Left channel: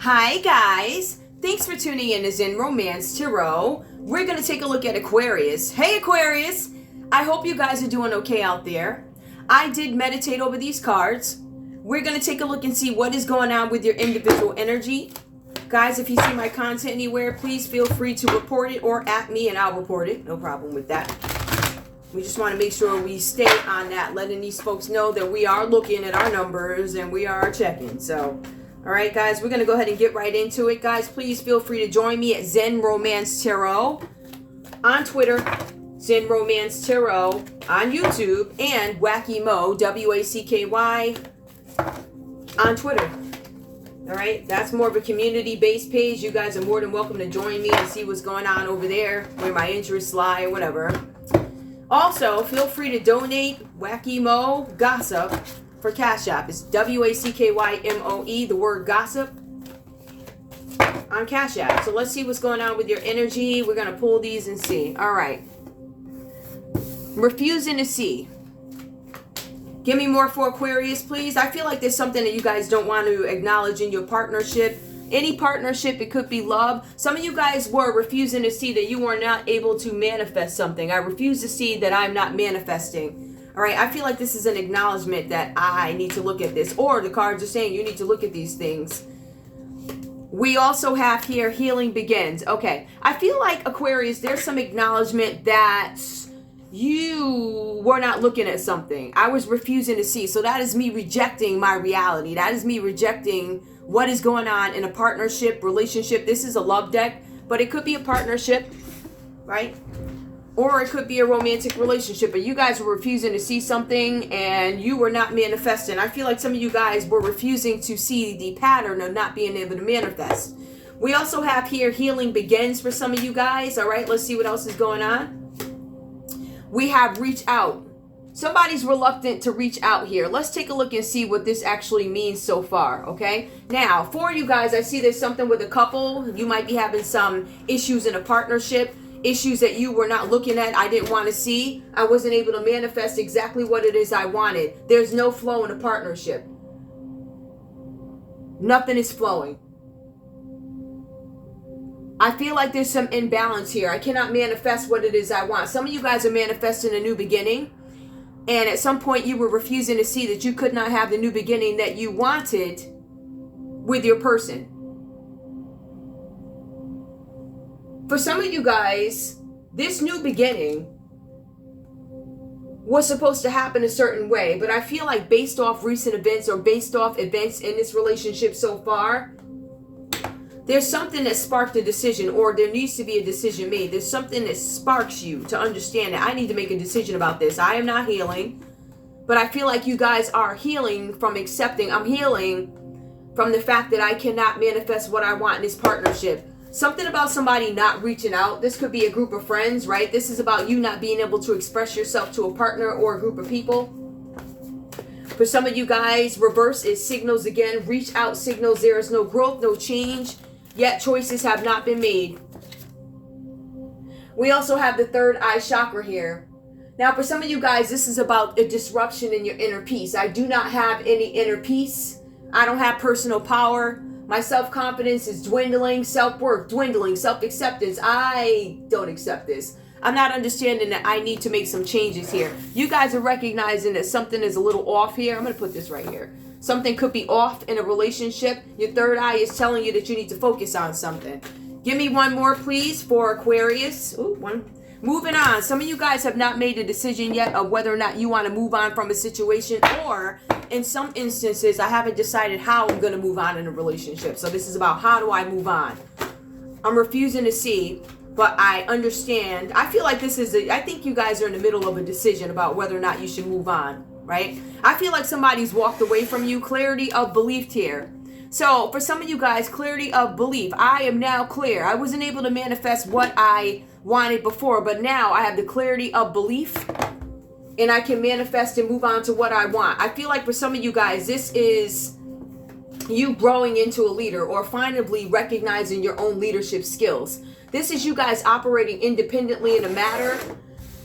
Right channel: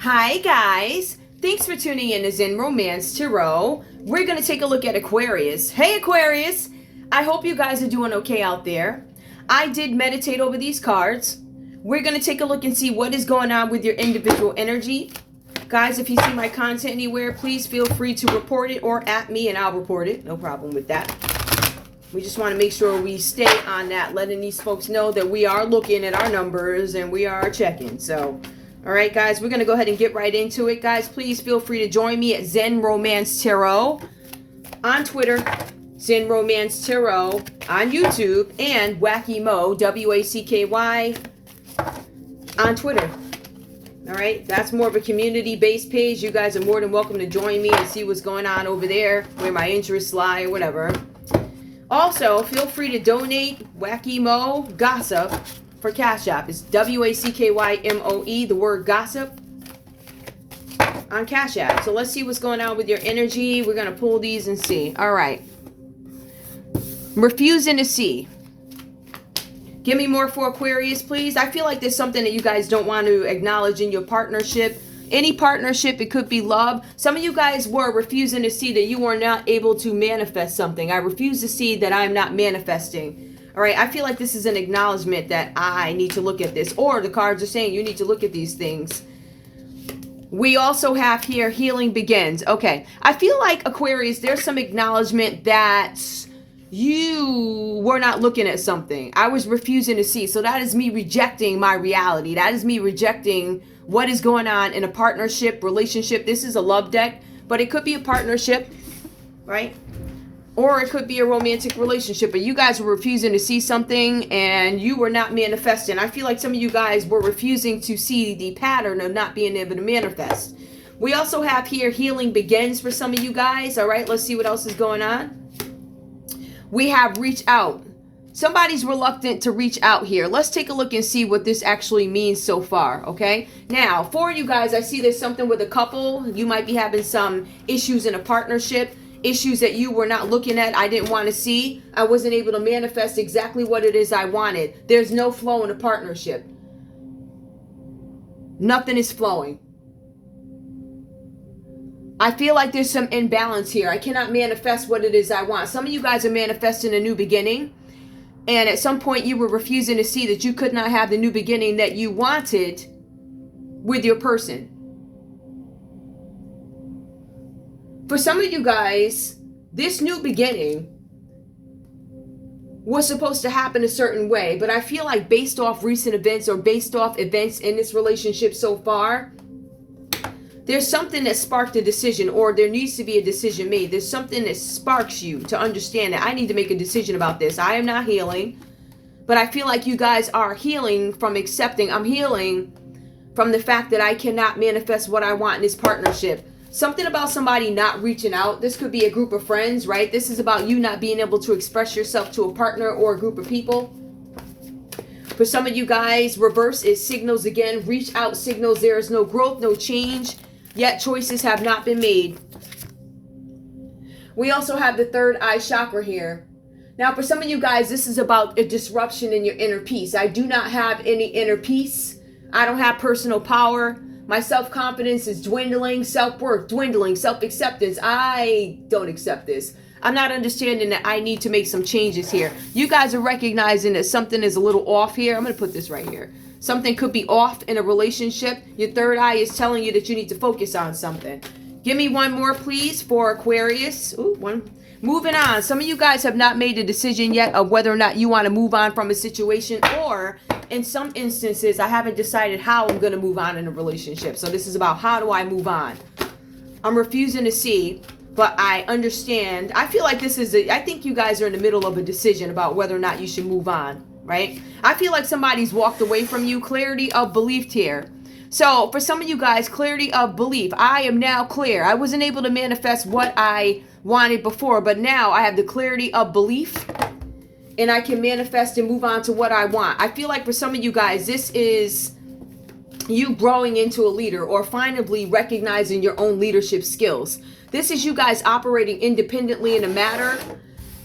Hi guys, thanks for tuning in to Zen Romance Tarot. We're going to take a look at Aquarius. Hey Aquarius, I hope you guys are doing okay out there. I did meditate over these cards. We're going to take a look and see what is going on with your individual energy. Guys, if you see my content anywhere, please feel free to report it or at me and I'll report it. No problem with that. We just want to make sure we stay on that, letting these folks know that we are looking at our numbers and we are checking. So, all right, guys, we're going to go ahead and get right into it. Guys, please feel free to join me at Zen Romance Tarot on Twitter, Zen Romance Tarot on YouTube, and WackyMo, W-A-C-K-Y, on Twitter. All right, that's more of a community-based page. You guys are more than welcome to join me and see what's going on over there, where my interests lie or whatever. Also, feel free to donate wackymoegossip for Cash App. It's W-A-C-K-Y-M-O-E, the word gossip, on Cash App. So let's see what's going on with your energy. We're going to pull these and see. All right. Refusing to see. Give me more for Aquarius, please. I feel like there's something that you guys don't want to acknowledge in your partnership. Any partnership, it could be love. Some of you guys were refusing to see that you were not able to manifest something. I refuse to see that I'm not manifesting. All right, I feel like this is an acknowledgement that I need to look at this. Or the cards are saying you need to look at these things. We also have here, healing begins. Okay, I feel like Aquarius, there's some acknowledgement that you were not looking at something. I was refusing to see. So that is me rejecting my reality. That is me rejecting what is going on in a partnership, relationship. This is a love deck, but it could be a partnership, right? Or it could be a romantic relationship, but you guys were refusing to see something and you were not manifesting. I feel like some of you guys were refusing to see the pattern of not being able to manifest. We also have here, healing begins for some of you guys. All right, let's see what else is going on. We have reach out. Somebody's reluctant to reach out here. Let's take a look and see what this actually means so far, okay? Now, for you guys, I see there's something with a couple. You might be having some issues in a partnership, issues that you were not looking at, I didn't want to see. I wasn't able to manifest exactly what it is I wanted. There's no flow in a partnership. Nothing is flowing. I feel like there's some imbalance here. I cannot manifest what it is I want. Some of you guys are manifesting a new beginning. And at some point you were refusing to see that you could not have the new beginning that you wanted with your person. For some of you guys, this new beginning was supposed to happen a certain way. But I feel like based off recent events or based off events in this relationship so far, there's something that sparked a decision, or there needs to be a decision made. There's something that sparks you to understand that I need to make a decision about this. I am not healing, but I feel like you guys are healing from accepting. I'm healing from the fact that I cannot manifest what I want in this partnership. Something about somebody not reaching out. This could be a group of friends, right? This is about you not being able to express yourself to a partner or a group of people. For some of you guys, reverse is signals again. Reach out signals. There is no growth, no change. Yet choices have not been made. We also have the third eye chakra here. Now, for some of you guys, this is about a disruption in your inner peace. I do not have any inner peace. I don't have personal power. My self-confidence is dwindling. Self-worth dwindling. Self-acceptance. I don't accept this. I'm not understanding that I need to make some changes here. You guys are recognizing that something is a little off here. I'm going to put this right here. Something could be off in a relationship. Your third eye is telling you that you need to focus on something. Give me one more, please, for Aquarius. Ooh, one. Moving on. Some of you guys have not made a decision yet of whether or not you want to move on from a situation, or in some instances, I haven't decided how I'm going to move on in a relationship. So this is about how do I move on? I'm refusing to see, but I understand. I feel like this is I think you guys are in the middle of a decision about whether or not you should move on. Right? I feel like somebody's walked away from you. Clarity of belief here. So for some of you guys, clarity of belief. I am now clear. I wasn't able to manifest what I wanted before, but now I have the clarity of belief and I can manifest and move on to what I want. I feel like for some of you guys, this is you growing into a leader or finally recognizing your own leadership skills. This is you guys operating independently in a matter.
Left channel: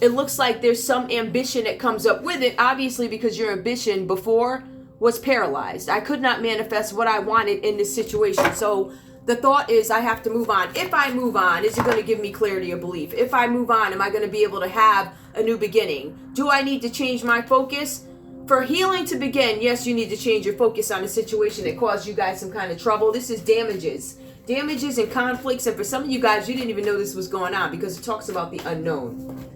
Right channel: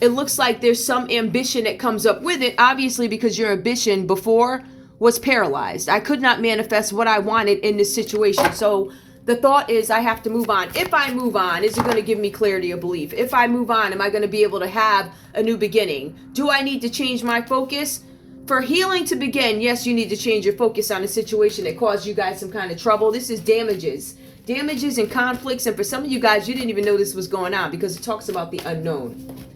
It looks like there's some ambition that comes up with it, obviously, because your ambition before was paralyzed. I could not manifest what I wanted in this situation. So the thought is I have to move on. If I move on, is it going to give me clarity of belief? If I move on, am I going to be able to have a new beginning? Do I need to change my focus? For healing to begin, yes, you need to change your focus on a situation that caused you guys some kind of trouble. This is damages and conflicts. And for some of you guys, you didn't even know this was going on because it talks about the unknown.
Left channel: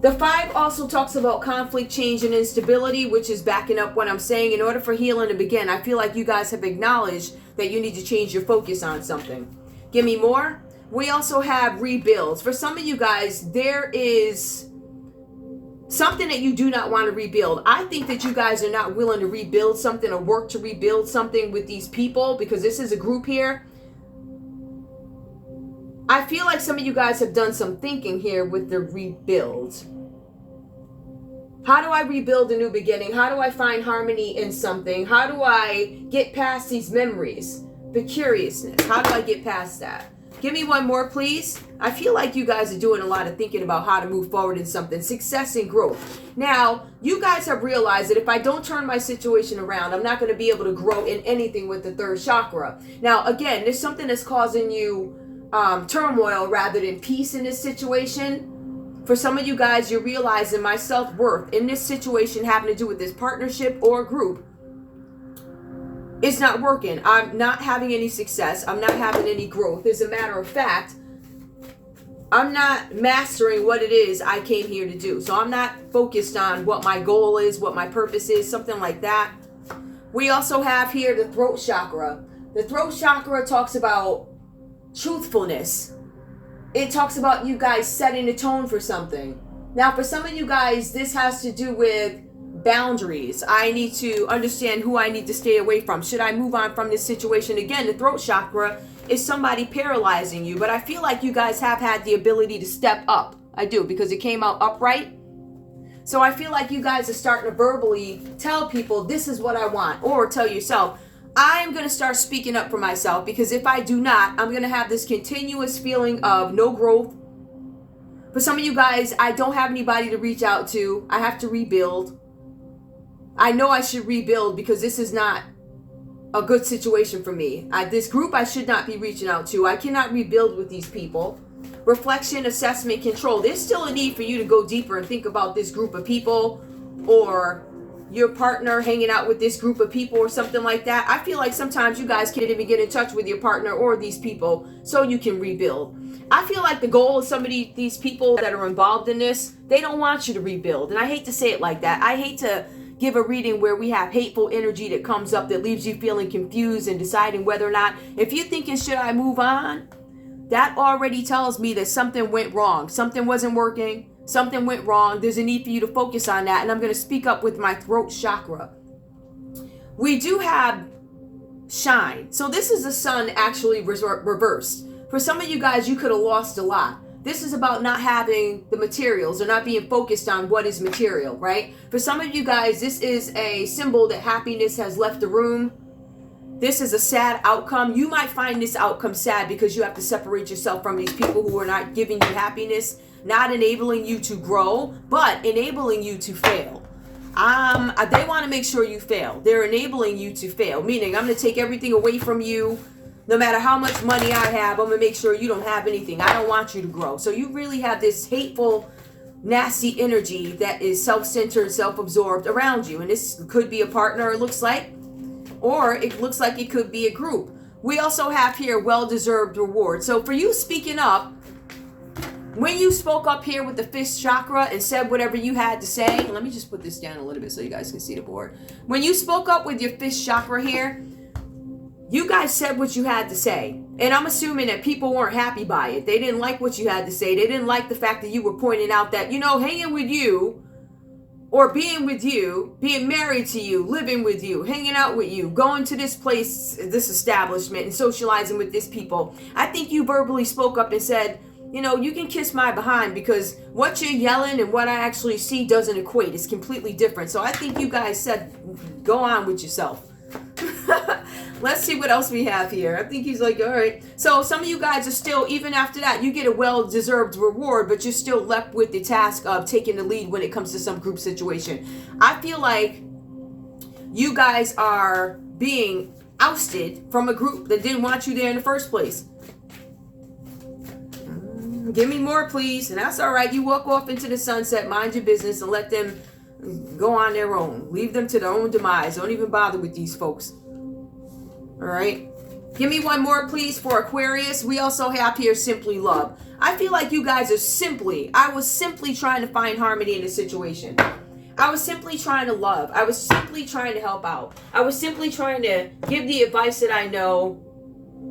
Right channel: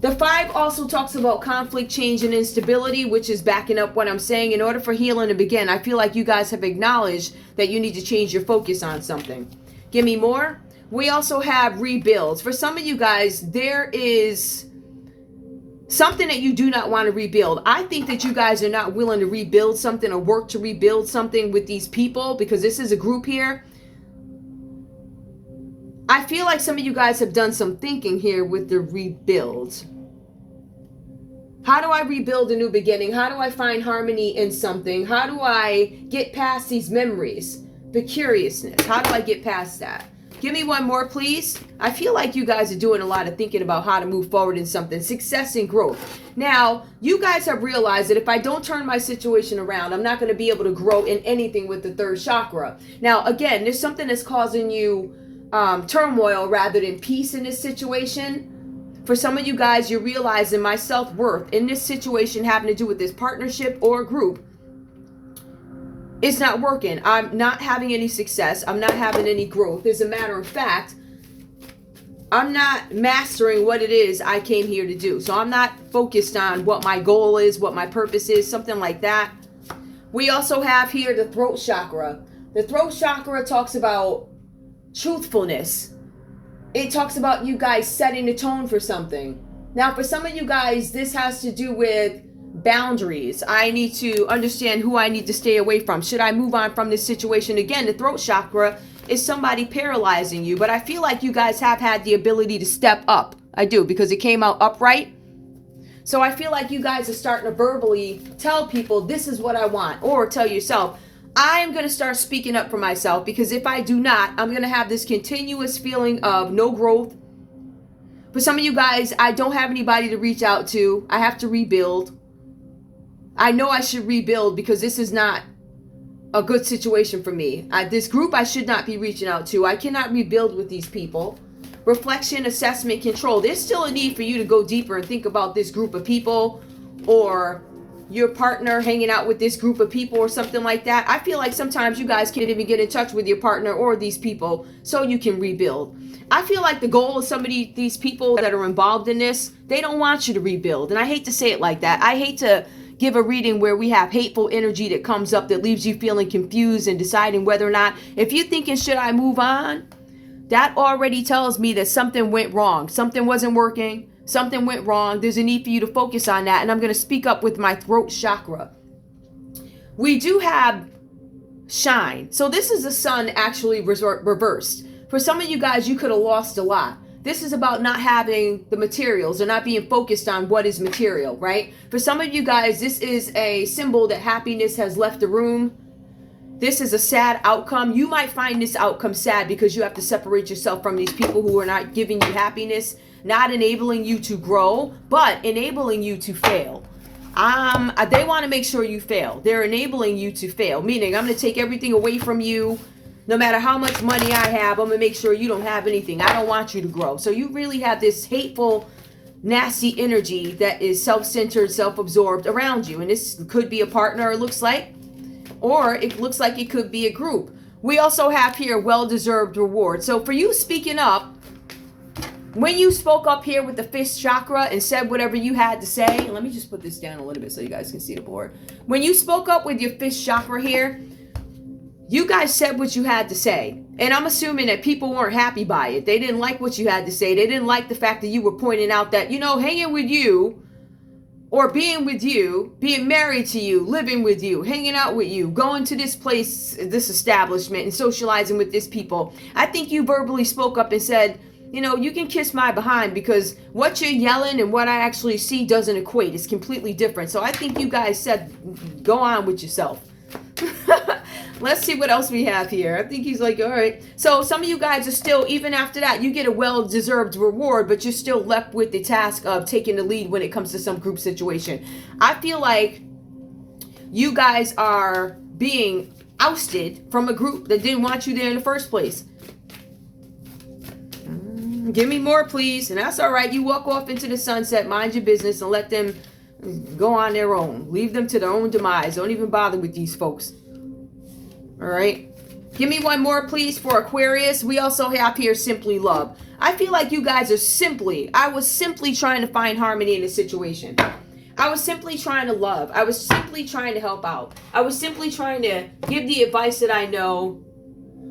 The 5 also talks about conflict, change, and instability, which is backing up what I'm saying. In order for healing to begin, I feel like you guys have acknowledged that you need to change your focus on something. Give me more. We also have rebuilds. For some of you guys, there is something that you do not want to rebuild. I think that you guys are not willing to rebuild something or work to rebuild something with these people because this is a group here. I feel like some of you guys have done some thinking here with the rebuild. How do I rebuild a new beginning? How do I find harmony in something? How do I get past these memories? The curiousness. How do I get past that? Give me one more, please. I feel like you guys are doing a lot of thinking about how to move forward in something. Success and growth. Now, you guys have realized that if I don't turn my situation around, I'm not going to be able to grow in anything with the 3rd chakra. Now, again, there's something that's causing you turmoil rather than peace in this situation. For some of you guys, you're realizing my self-worth in this situation having to do with this partnership or group. It's not working. I'm not having any success. I'm not having any growth. As a matter of fact, I'm not mastering what it is I came here to do. So I'm not focused on what my goal is, what my purpose is, something like that. We also have here the throat chakra. The throat chakra talks about truthfulness. It talks about you guys setting the tone for something. Now, for some of you guys, this has to do with boundaries. I need to understand who I need to stay away from. Should I move on from this situation? Again, the throat chakra is somebody paralyzing you, but I feel like you guys have had the ability to step up. I do, because it came out upright. So I feel like you guys are starting to verbally tell people, this is what I want, or tell yourself, I'm going to start speaking up for myself, because if I do not, I'm going to have this continuous feeling of no growth. For some of you guys, I don't have anybody to reach out to. I have to rebuild. I know I should rebuild because this is not a good situation for me. This group I should not be reaching out to. I cannot rebuild with these people. Reflection, assessment, control. There's still a need for you to go deeper and think about this group of people, or your partner hanging out with this group of people or something like that. I feel like sometimes you guys can't even get in touch with your partner or these people so you can rebuild. I feel like the goal of some of these people that are involved in this, they don't want you to rebuild. And I hate to say it like that. I hate to give a reading where we have hateful energy that comes up that leaves you feeling confused and deciding whether or not, if you're thinking, should I move on? That already tells me that something went wrong. Something wasn't working. Something went wrong. There's a need for you to focus on that. And I'm going to speak up with my throat chakra. We do have shine. So this is the sun actually reversed. For some of you guys, you could have lost a lot. This is about not having the materials or not being focused on what is material, right? For some of you guys, this is a symbol that happiness has left the room. This is a sad outcome. You might find this outcome sad because you have to separate yourself from these people who are not giving you happiness, not enabling you to grow, but enabling you to fail. They want to make sure you fail. They're enabling you to fail, meaning I'm going to take everything away from you. No matter how much money I have, I'm going to make sure you don't have anything. I don't want you to grow. So you really have this hateful, nasty energy that is self-centered, self-absorbed around you. And this could be a partner, it looks like, or it looks like it could be a group. We also have here well-deserved reward. So for you speaking up, when you spoke up here with the 5th chakra and said whatever you had to say, and let me just put this down a little bit so you guys can see the board. When you spoke up with your 5th chakra here, you guys said what you had to say. And I'm assuming that people weren't happy by it. They didn't like what you had to say. They didn't like the fact that you were pointing out that, hanging with you, or being with you, being married to you, living with you, hanging out with you, going to this place, this establishment, and socializing with this people. I think you verbally spoke up and said, you can kiss my behind, because what you're yelling and what I actually see doesn't equate. It's completely different. So I think you guys said, go on with yourself. Let's see what else we have here. I think he's like, all right. So some of you guys are still, even after that, you get a well-deserved reward, but you're still left with the task of taking the lead when it comes to some group situation. I feel like you guys are being ousted from a group that didn't want you there in the first place. Give me more, please. And that's all right. You walk off into the sunset, mind your business, and let them go on their own. Leave them to their own demise. Don't even bother with these folks. All right. Give me one more, please, for Aquarius. We also have here simply love. I feel like you guys are I was simply trying to find harmony in the situation. I was simply trying to love. I was simply trying to help out. I was simply trying to give the advice that I know.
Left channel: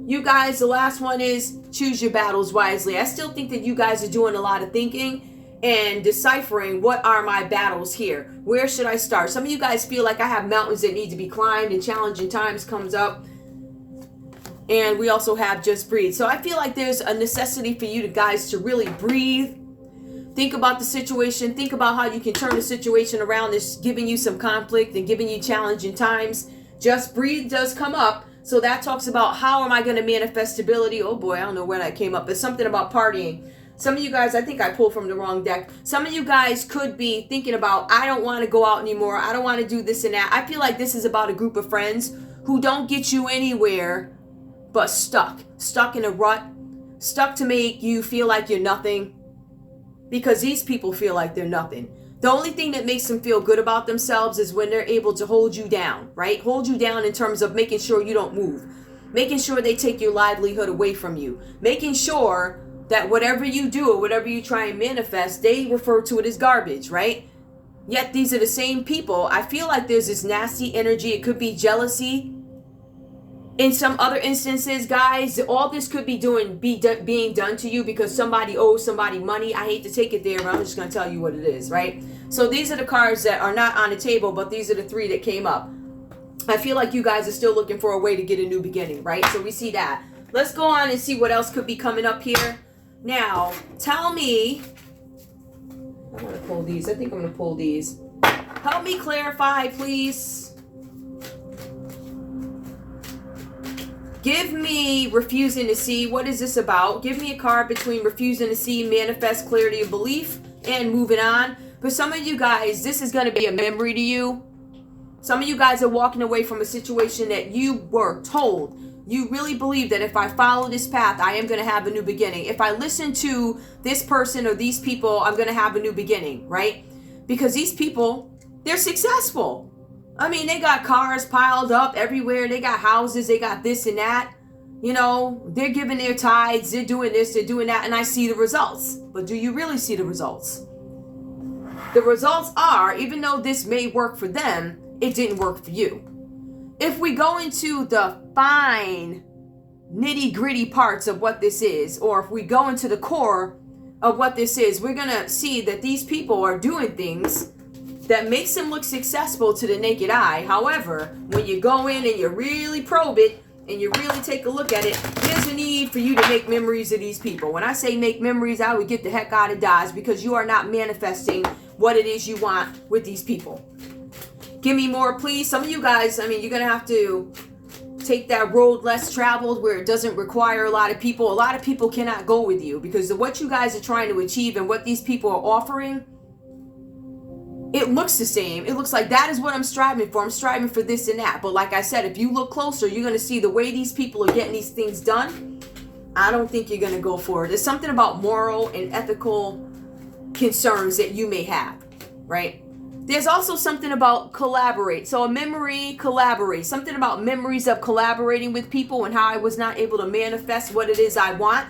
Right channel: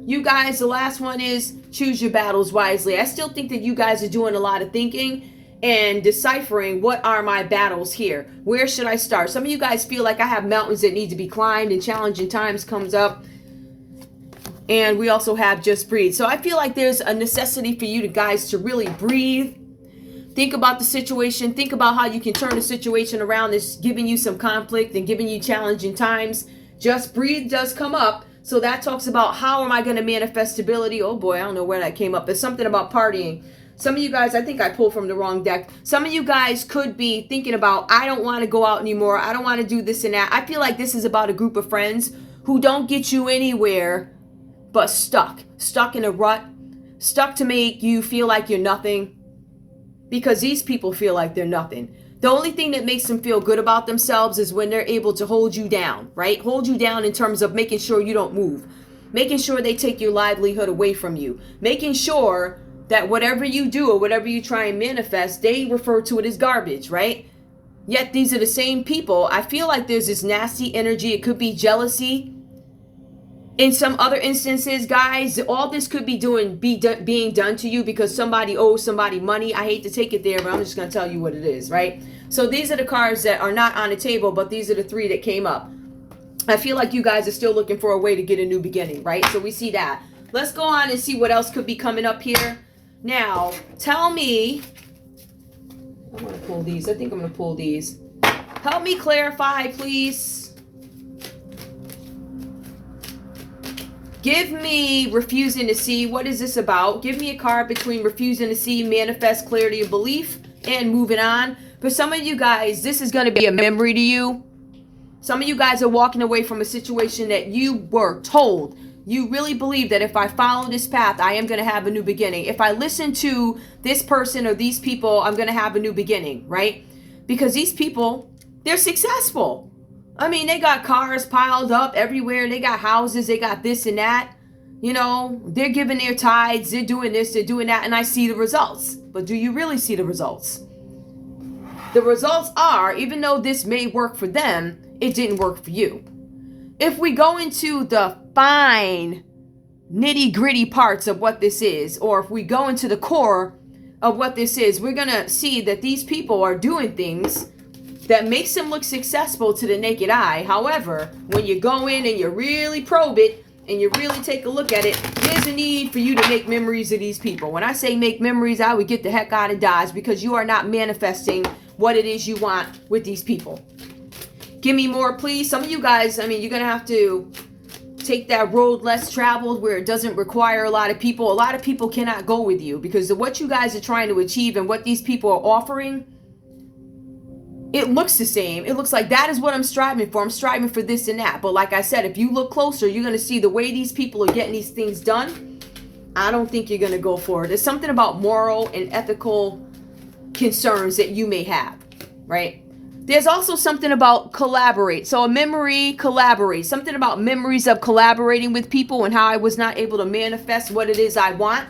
You guys, the last one is choose your battles wisely. I still think that you guys are doing a lot of thinking and deciphering what are my battles here. Where should I start? Some of you guys feel like I have mountains that need to be climbed and challenging times comes up. And we also have just breathe. So I feel like there's a necessity for you guys to really breathe. Think about the situation. Think about how you can turn the situation around that's giving you some conflict and giving you challenging times. Just breathe does come up. So that talks about how am I going to manifest stability. Oh boy, I don't know where that came up. It's something about partying. Some of you guys, I think I pulled from the wrong deck. Some of you guys could be thinking about, I don't want to go out anymore. I don't want to do this and that. I feel like this is about a group of friends who don't get you anywhere but stuck in a rut, stuck to make you feel like you're nothing, because these people feel like they're nothing. The only thing that makes them feel good about themselves is when they're able to hold you down, right? Hold you down in terms of making sure you don't move, making sure they take your livelihood away from you, making sure that whatever you do or whatever you try and manifest, they refer to it as garbage, right? Yet these are the same people. I feel like there's this nasty energy. It could be jealousy. In some other instances, guys, all this could be being done to you because somebody owes somebody money. I hate to take it there, but I'm just going to tell you what it is, right? So these are the cards that are not on the table, but these are the three that came up. I feel like you guys are still looking for a way to get a new beginning, right? So we see that. Let's go on and see what else could be coming up here. Now, tell me. I'm going to pull these. I think I'm going to pull these. Help me clarify, please. Give me refusing to see. What is this about? Give me a card between refusing to see, manifest clarity of belief, and moving on. For some of you guys, this is going to be a memory to you. Some of you guys are walking away from a situation that you were told. You really believe that if I follow this path, I am going to have a new beginning. If I listen to this person or these people, I'm going to have a new beginning, right? Because these people, they're successful. I mean, they got cars piled up everywhere. They got houses. They got this and that. You know, they're giving their tithes. They're doing this. They're doing that. And I see the results. But do you really see the results? The results are, even though this may work for them, it didn't work for you. If we go into the fine, nitty-gritty parts of what this is, or if we go into the core of what this is, we're going to see that these people are doing things that makes them look successful to the naked eye. However, when you go in and you really probe it and you really take a look at it, there's a need for you to make memories of these people. When I say make memories, I would get the heck out of Dodge, because you are not manifesting what it is you want with these people. Give me more, please. Some of you guys, I mean, you're going to have to take that road less traveled where it doesn't require a lot of people. A lot of people cannot go with you because of what you guys are trying to achieve and what these people are offering. It looks the same. It looks like that is what I'm striving for. I'm striving for this and that. But like I said, if you look closer, you're going to see the way these people are getting these things done. I don't think you're going to go for it. There's something about moral and ethical concerns that you may have, right? There's also something about collaborate. So a memory, collaborate. Something about memories of collaborating with people and how I was not able to manifest what it is I want.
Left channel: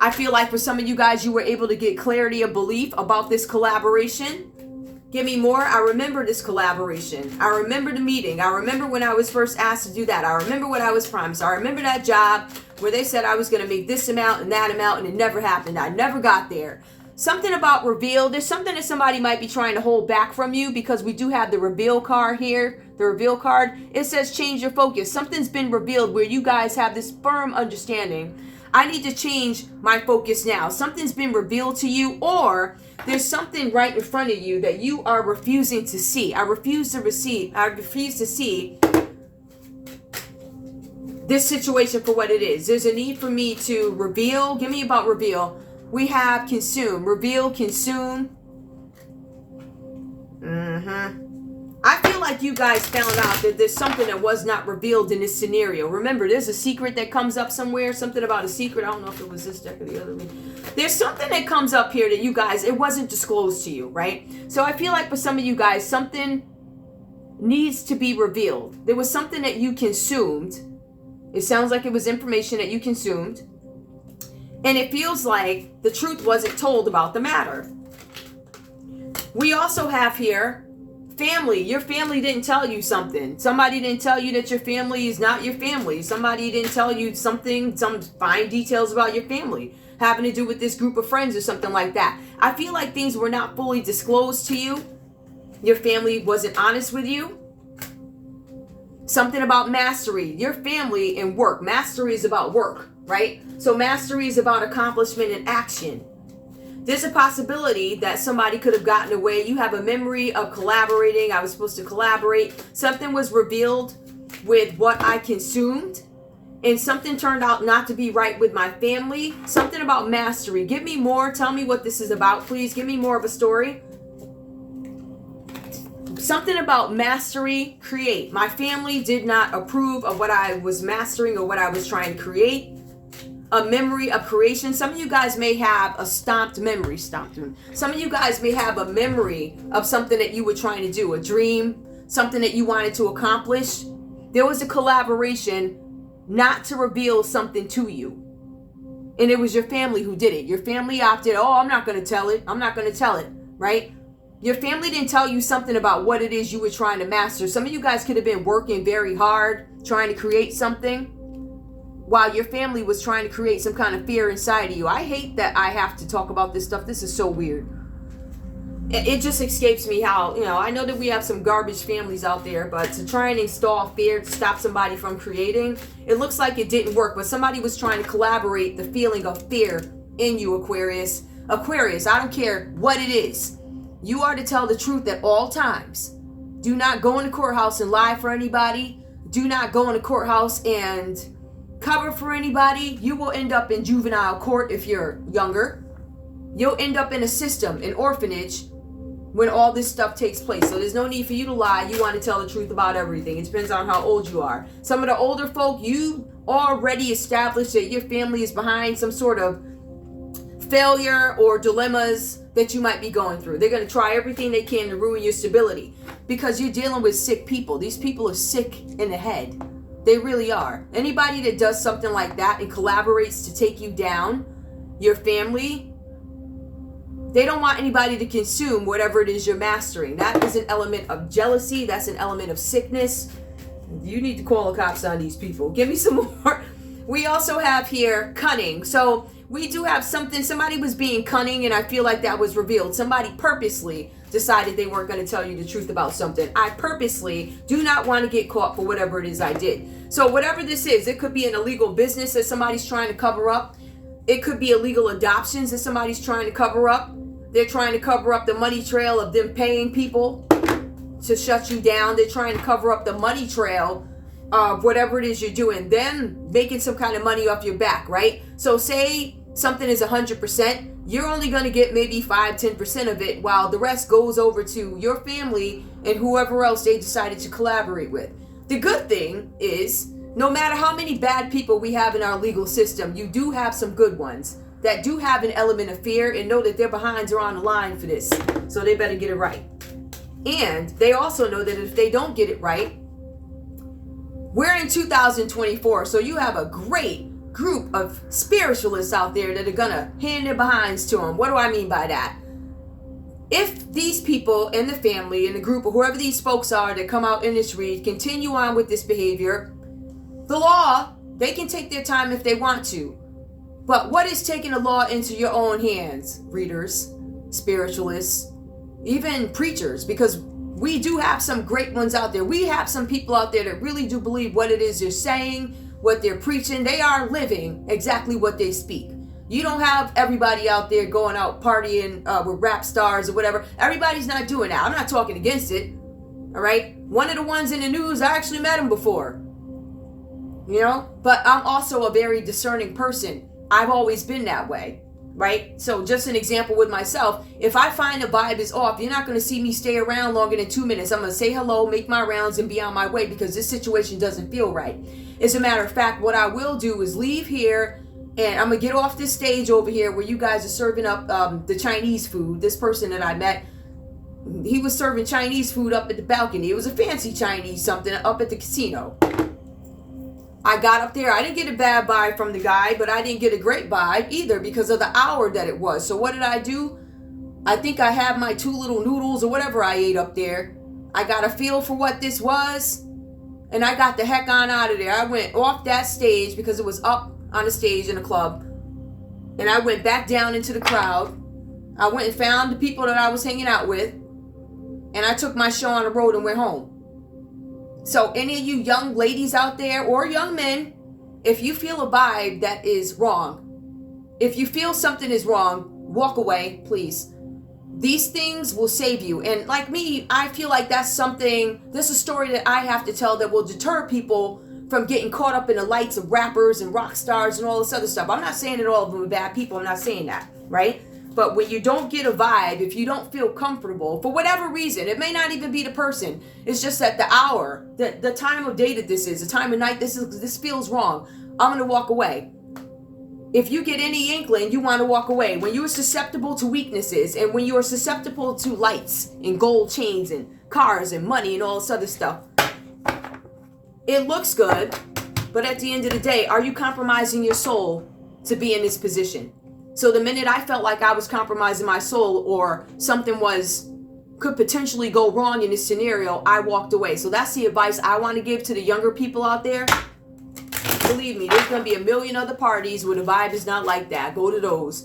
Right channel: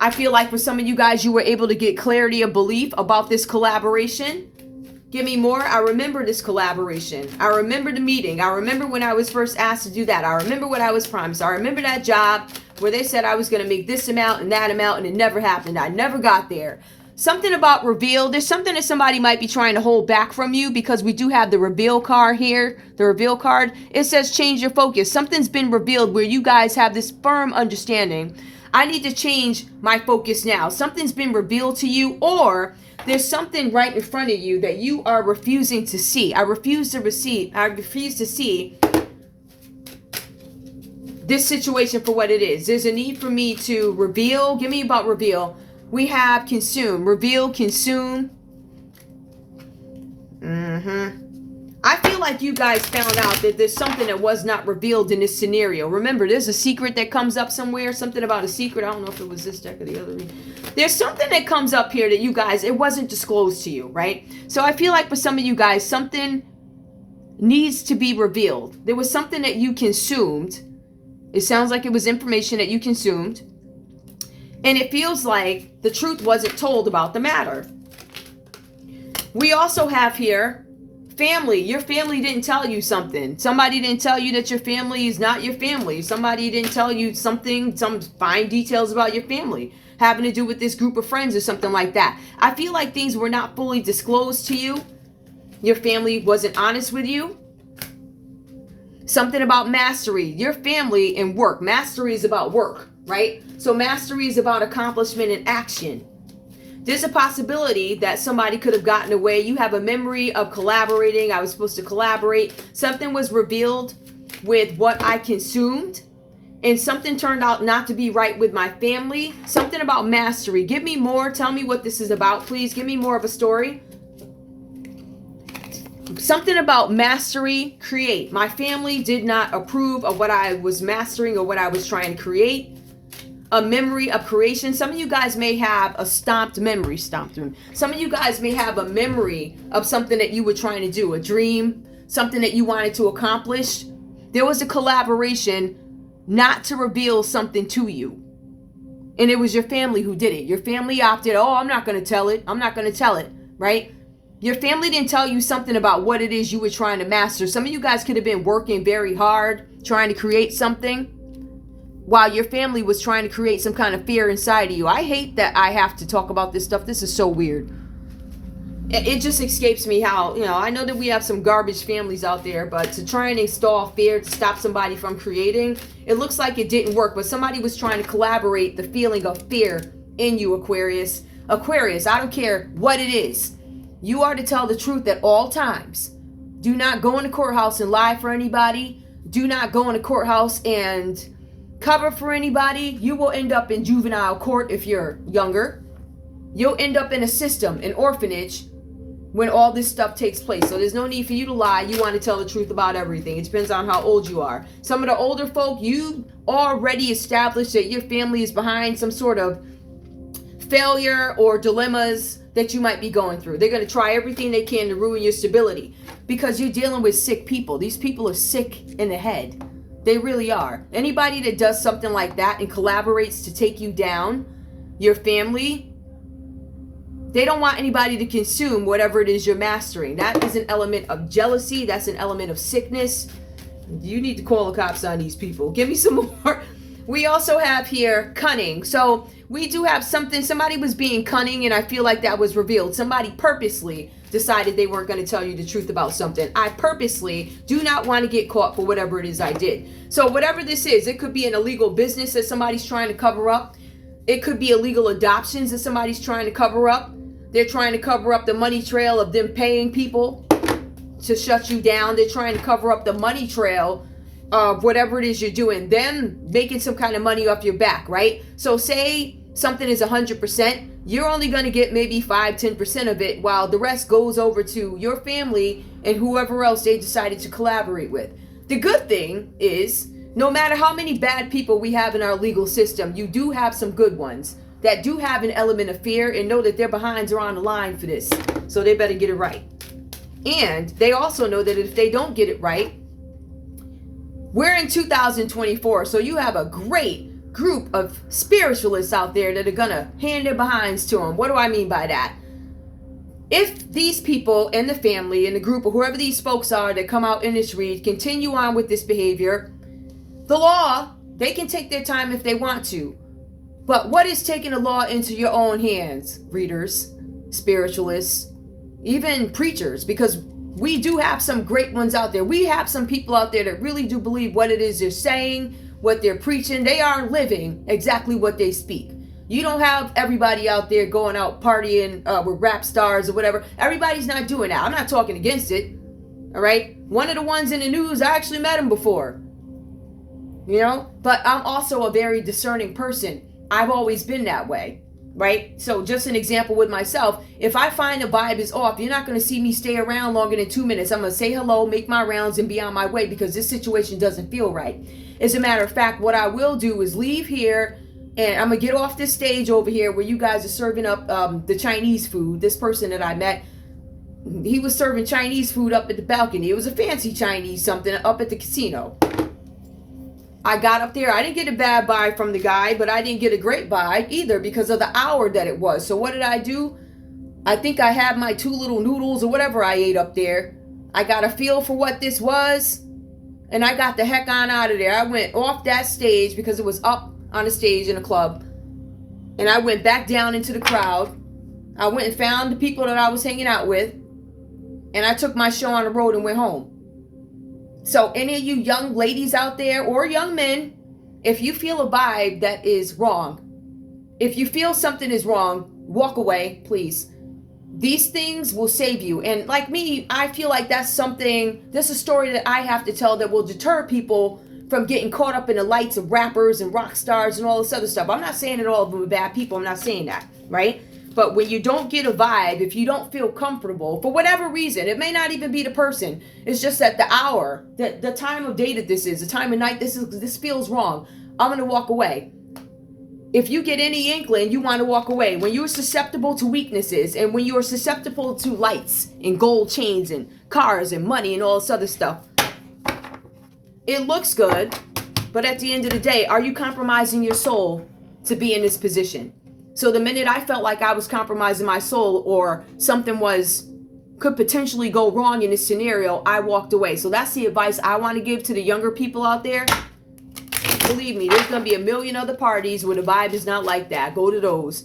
I feel like for some of you guys, you were able to get clarity of belief about this collaboration. Give me more. I remember this collaboration. I remember the meeting. I remember when I was first asked to do that. I remember what I was promised. I remember that job where they said I was going to make this amount and that amount, and it never happened. I never got there. Something about reveal. There's something that somebody might be trying to hold back from you, because we do have the reveal card here. The reveal card. It says change your focus. Something's been revealed where you guys have this firm understanding. I need to change my focus now. Something's been revealed to you, or there's something right in front of you that you are refusing to see. I refuse to see this situation for what it is. There's a need for me to reveal. Give me about reveal. We have consume. Reveal, consume. I feel like like you guys found out that there's something that was not revealed in this scenario. Remember, there's a secret that comes up somewhere, something about a secret. I don't know if it was this deck or the other reading. There's something that comes up here that you guys, it wasn't disclosed to you, right? So I feel like for some of you guys, something needs to be revealed. There was something that you consumed. It sounds like it was information that you consumed. And it feels like the truth wasn't told about the matter. We also have here family. Your family didn't tell you something. Somebody didn't tell you that your family is not your family. Somebody didn't tell you something, some fine details about your family having to do with this group of friends or something like that. I feel like things were not fully disclosed to you. Your family wasn't honest with you. Something about mastery. Your family and work. Mastery is about work, right? So mastery is about accomplishment and action. There's a possibility that somebody could have gotten away. You have a memory of collaborating. I was supposed to collaborate. Something was revealed with what I consumed. And something turned out not to be right with my family. Something about mastery. Give me more. Tell me what this is about, please. Give me more of a story. Something about mastery, create. My family did not approve of what I was mastering or what I was trying to create. A memory of creation. Some of you guys may have a stomped memory. Some of you guys may have a memory of something that you were trying to do, a dream, something that you wanted to accomplish. There was a collaboration not to reveal something to you. And it was your family who did it. Your family opted, oh, I'm not going to tell it. I'm not going to tell it, right? Your family didn't tell you something about what it is you were trying to master. Some of you guys could have been working very hard, trying to create something, while your family was trying to create some kind of fear inside of you. I hate that I have to talk about this stuff. This is so weird. It just escapes me how, I know that we have some garbage families out there, but to try and install fear to stop somebody from creating, it looks like it didn't work, but somebody was trying to collaborate the feeling of fear in you, Aquarius. Aquarius, I don't care what it is. You are to tell the truth at all times. Do not go in the courthouse and lie for anybody. Do not go in the courthouse and cover for anybody. You will end up in juvenile court if you're younger. You'll end up in a system, an orphanage, when all this stuff takes place. So there's no need for you to lie. You want to tell the truth about everything. It depends on how old you are. Some of the older folk, you already established that your family is behind some sort of failure or dilemmas that you might be going through. They're going to try everything they can to ruin your stability because you're dealing with sick people. These people are sick in the head. They really are. Anybody that does something like that and collaborates to take you down, your family, they don't want anybody to consume whatever it is you're mastering. That is an element of jealousy. That's an element of sickness. You need to call the cops on these people. Give me some more. We also have here cunning. So we do have something. Somebody was being cunning, and I feel like that was revealed. Somebody purposely decided they weren't going to tell you the truth about something. I purposely do not want to get caught for whatever it is I did. So whatever this is, it could be an illegal business that somebody's trying to cover up. It could be illegal adoptions that somebody's trying to cover up. They're trying to cover up the money trail of them paying people to shut you down. They're trying to cover up the money trail of whatever it is you're doing. Them making some kind of money off your back, right? So say something is 100%, you're only going to get maybe 5-10% of it, while the rest goes over to your family and whoever else they decided to collaborate with. The good thing is, no matter how many bad people we have in our legal system, you do have some good ones that do have an element of fear and know that their behinds are on the line for this. So they better get it right. And they also know that if they don't get it right, we're in 2024. So you have a great group of spiritualists out there that are gonna hand their behinds to them. What do I mean by that? If these people and the family and the group or whoever these folks are that come out in this read continue on with this behavior, the law, they can take their time if they want to. But what is taking the law into your own hands, readers, spiritualists, even preachers? Because we do have some great ones out there. We have some people out there that really do believe what it is they're saying, what they're preaching. They are living exactly what they speak. You don't have everybody out there going out partying with rap stars or whatever. Everybody's not doing that. I'm not talking against it. All right. One of the ones in the news, I actually met him before. But I'm also a very discerning person. I've always been that way. right? So just an example with myself, if I find the vibe is off, you're not going to see me stay around longer than 2 minutes. I'm going to say hello, make my rounds, and be on my way because this situation doesn't feel right. As a matter of fact, what I will do is leave here, and I'm going to get off this stage over here where you guys are serving up the Chinese food. This person that I met, he was serving Chinese food up at the balcony. It was a fancy Chinese something up at the casino. I got up there. I didn't get a bad vibe from the guy, but I didn't get a great vibe either because of the hour that it was. So what did I do? I think I had my 2 little noodles or whatever I ate up there. I got a feel for what this was, and I got the heck on out of there. I went off that stage because it was up on a stage in a club, and I went back down into the crowd. I went and found the people that I was hanging out with, and I took my show on the road and went home. So any of you young ladies out there or young men, if you feel a vibe that is wrong, if you feel something is wrong, walk away, please. These things will save you. And like me, I feel like that's a story that I have to tell that will deter people from getting caught up in the lights of rappers and rock stars and all this other stuff. I'm not saying that all of them are bad people. I'm not saying that, right? But when you don't get a vibe, if you don't feel comfortable, for whatever reason, it may not even be the person. It's just that the hour, the time of day that this is, the time of night this feels wrong. I'm going to walk away. If you get any inkling, you want to walk away. When you're susceptible to weaknesses and when you're susceptible to lights and gold chains and cars and money and all this other stuff, it looks good, but at the end of the day, are you compromising your soul to be in this position? So the minute I felt like I was compromising my soul or something could potentially go wrong in this scenario, I walked away. So that's the advice I want to give to the younger people out there. Believe me, there's going to be a million other parties where the vibe is not like that. Go to those.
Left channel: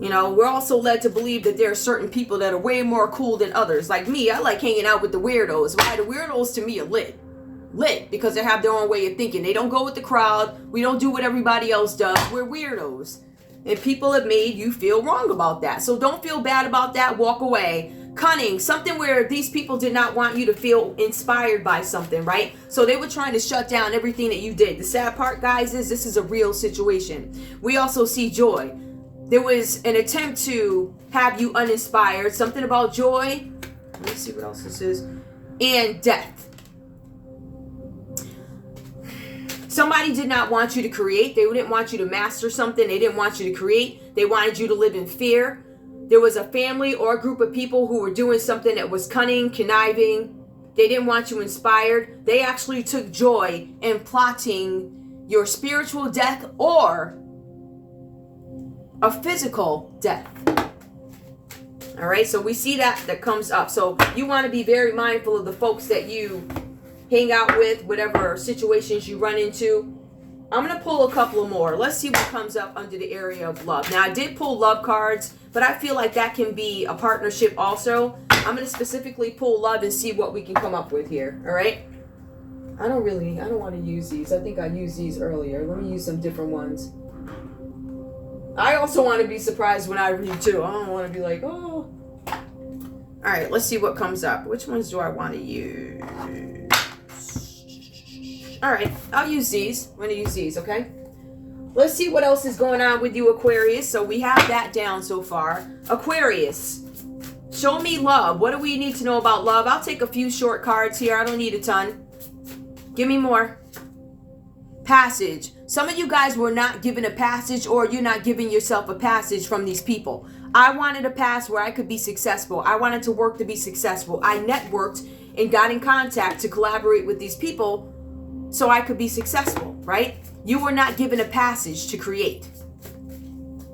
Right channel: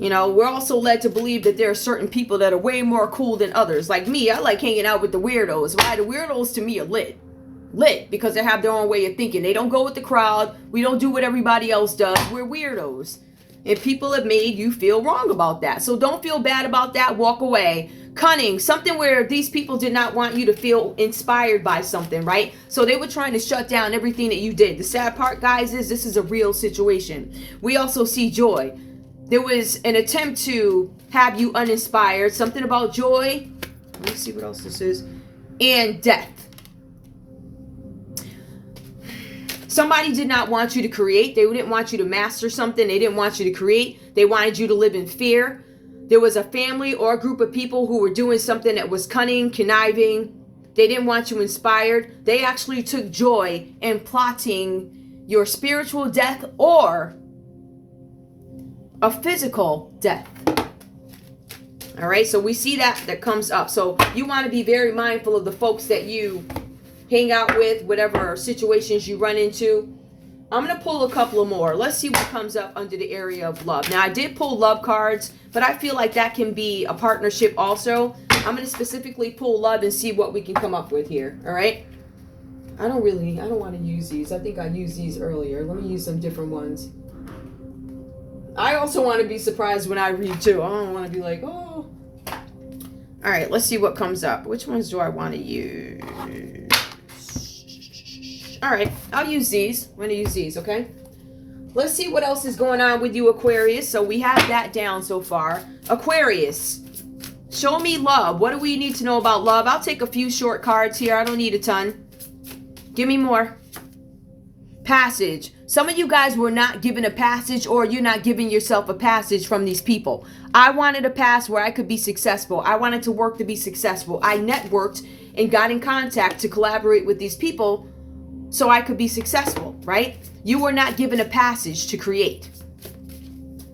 You know, we're also led to believe that there are certain people that are way more cool than others. Like me, I like hanging out with the weirdos. Why? The weirdos to me are lit because they have their own way of thinking. They don't go with the crowd. We don't do what everybody else does. We're weirdos. And people have made you feel wrong about that. So don't feel bad about that. Walk away. Cunning, something where these people did not want you to feel inspired by something, right? So they were trying to shut down everything that you did. The sad part, guys, is this is a real situation. We also see joy. There was an attempt to have you uninspired. Something about joy. Let me see what else this is. And death. Somebody did not want you to create. They didn't want you to master something. They didn't want you to create. They wanted you to live in fear. There was a family or a group of people who were doing something that was cunning, conniving. They didn't want you inspired. They actually took joy in plotting your spiritual death or a physical death. All right, so we see that comes up. So you want to be very mindful of the folks that you hang out with, whatever situations you run into. I'm going to pull a couple of more. Let's see what comes up under the area of love. Now, I did pull love cards, but I feel like that can be a partnership also. I'm going to specifically pull love and see what we can come up with here. All right? I don't want to use these. I think I used these earlier. Let me use some different ones. I also want to be surprised when I read too. I don't want to be like, oh. All right, let's see what comes up. Which ones do I want to use? All right, I'll use these. I'm going to use these, okay? Let's see what else is going on with you, Aquarius. So we have that down so far. Aquarius, show me love. What do we need to know about love? I'll take a few short cards here. I don't need a ton. Give me more. Passage. Some of you guys were not given a passage, or you're not giving yourself a passage from these people. I wanted a pass where I could be successful. I wanted to work to be successful. I networked and got in contact to collaborate with these people so I could be successful, right? You were not given a passage to create.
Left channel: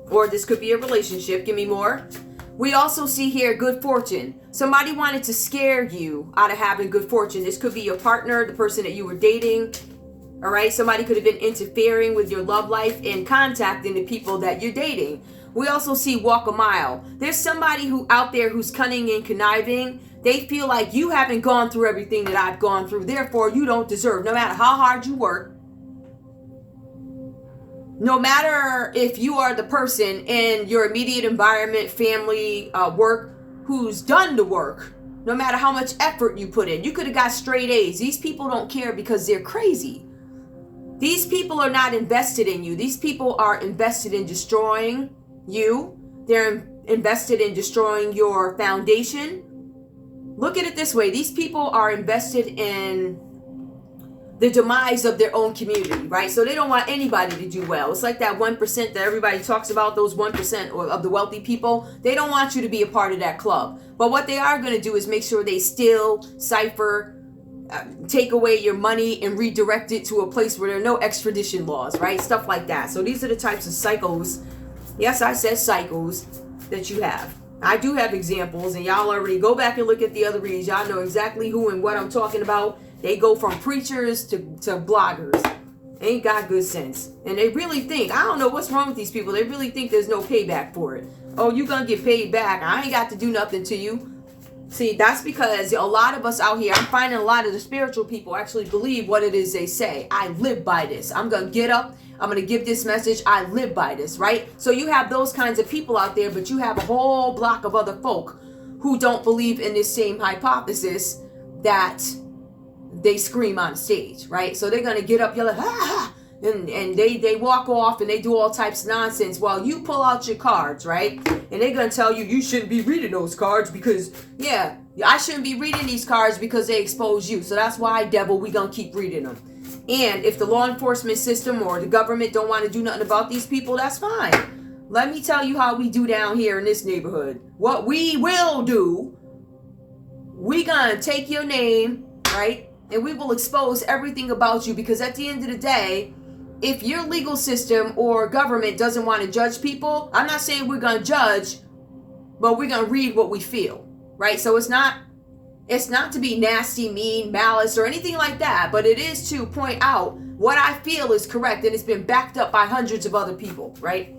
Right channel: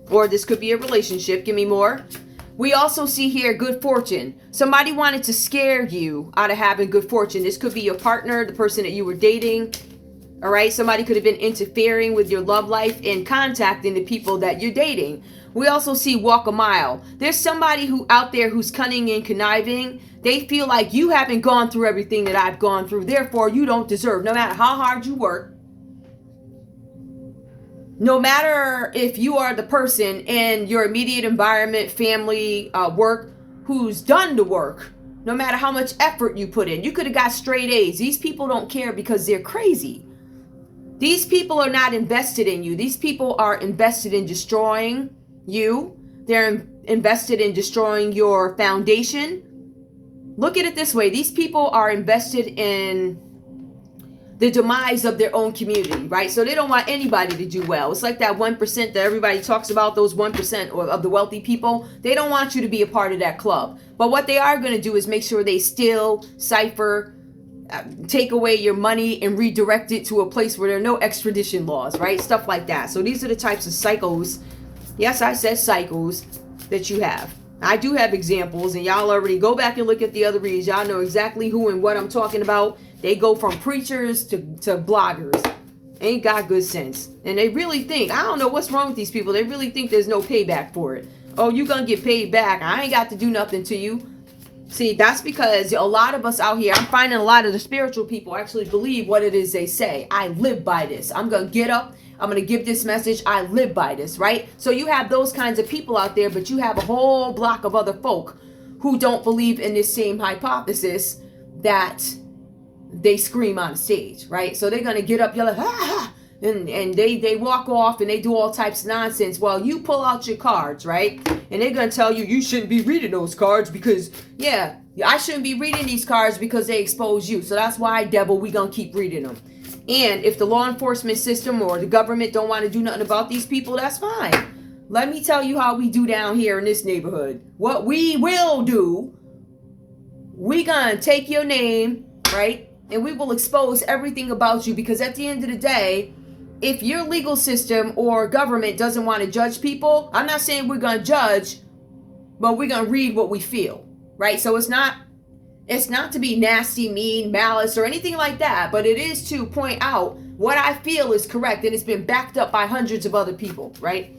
Or this could be a relationship. Give me more. We also see here good fortune. Somebody wanted to scare you out of having good fortune. This could be your partner, the person that you were dating. All right, somebody could have been interfering with your love life and contacting the people that you're dating. We also see walk a mile. There's somebody who out there who's cunning and conniving. They feel like you haven't gone through everything that I've gone through. Therefore, you don't deserve, no matter how hard you work, no matter if you are the person in your immediate environment, family, work, who's done the work, no matter how much effort you put in. You could have got straight A's. These people don't care because they're crazy. These people are not invested in you. These people are invested in destroying you. They're invested in destroying your foundation. Look at it this way. These people are invested in the demise of their own community, right? So they don't want anybody to do well. It's like that 1% that everybody talks about, those 1% of the wealthy people. They don't want you to be a part of that club. But what they are going to do is make sure they steal, cipher, take away your money and redirect it to a place where there are no extradition laws, right? Stuff like that. So these are the types of cycles. Yes, I said cycles that you have. I do have examples, and y'all already go back and look at the other reads. Y'all know exactly who and what I'm talking about. They go from preachers to bloggers. Ain't got good sense. And they really think, I don't know what's wrong with these people. They really think there's no payback for it. Oh, you gonna get paid back. I ain't got to do nothing to you. See, that's because a lot of us out here, I'm finding a lot of the spiritual people actually believe what it is they say. I live by this. I'm gonna get up. I'm going to give this message. I live by this, right? So you have those kinds of people out there, but you have a whole block of other folk who don't believe in this same hypothesis that they scream on stage, right? So they're going to get up, yell, and they walk off and they do all types of nonsense while you pull out your cards, right? And they're going to tell you, you shouldn't be reading those cards because, yeah, I shouldn't be reading these cards because they expose you. So that's why, devil, we going to keep reading them. And if the law enforcement system or the government don't want to do nothing about these people, that's fine. Let me tell you how we do down here in this neighborhood. What we will do, we gonna take your name, right? And we will expose everything about you, because at the end of the day, if your legal system or government doesn't want to judge people, I'm not saying we're gonna judge, but we're gonna read what we feel, right? So it's not to be nasty, mean, malice, or anything like that, but it is to point out what I feel is correct, and it's been backed up by hundreds of other people, right?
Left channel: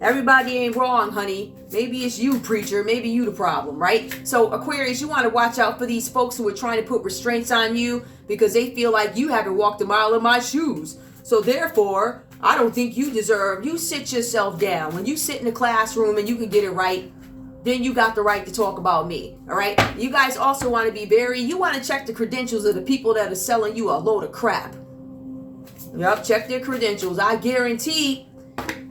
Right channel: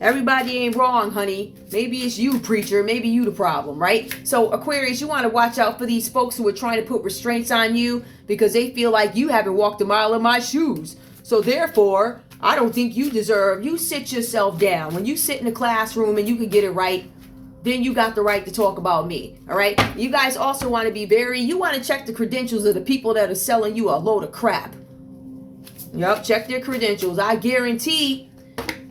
Everybody ain't wrong, honey. Maybe it's you, preacher. Maybe you the problem, right? So, Aquarius, you want to watch out for these folks who are trying to put restraints on you because they feel like you haven't walked a mile in my shoes. So, therefore, I don't think you deserve. You sit yourself down. When you sit in a classroom and you can get it right, then you got the right to talk about me, all right? You guys also want to be you want to check the credentials of the people that are selling you a load of crap. Yep, check their credentials. I guarantee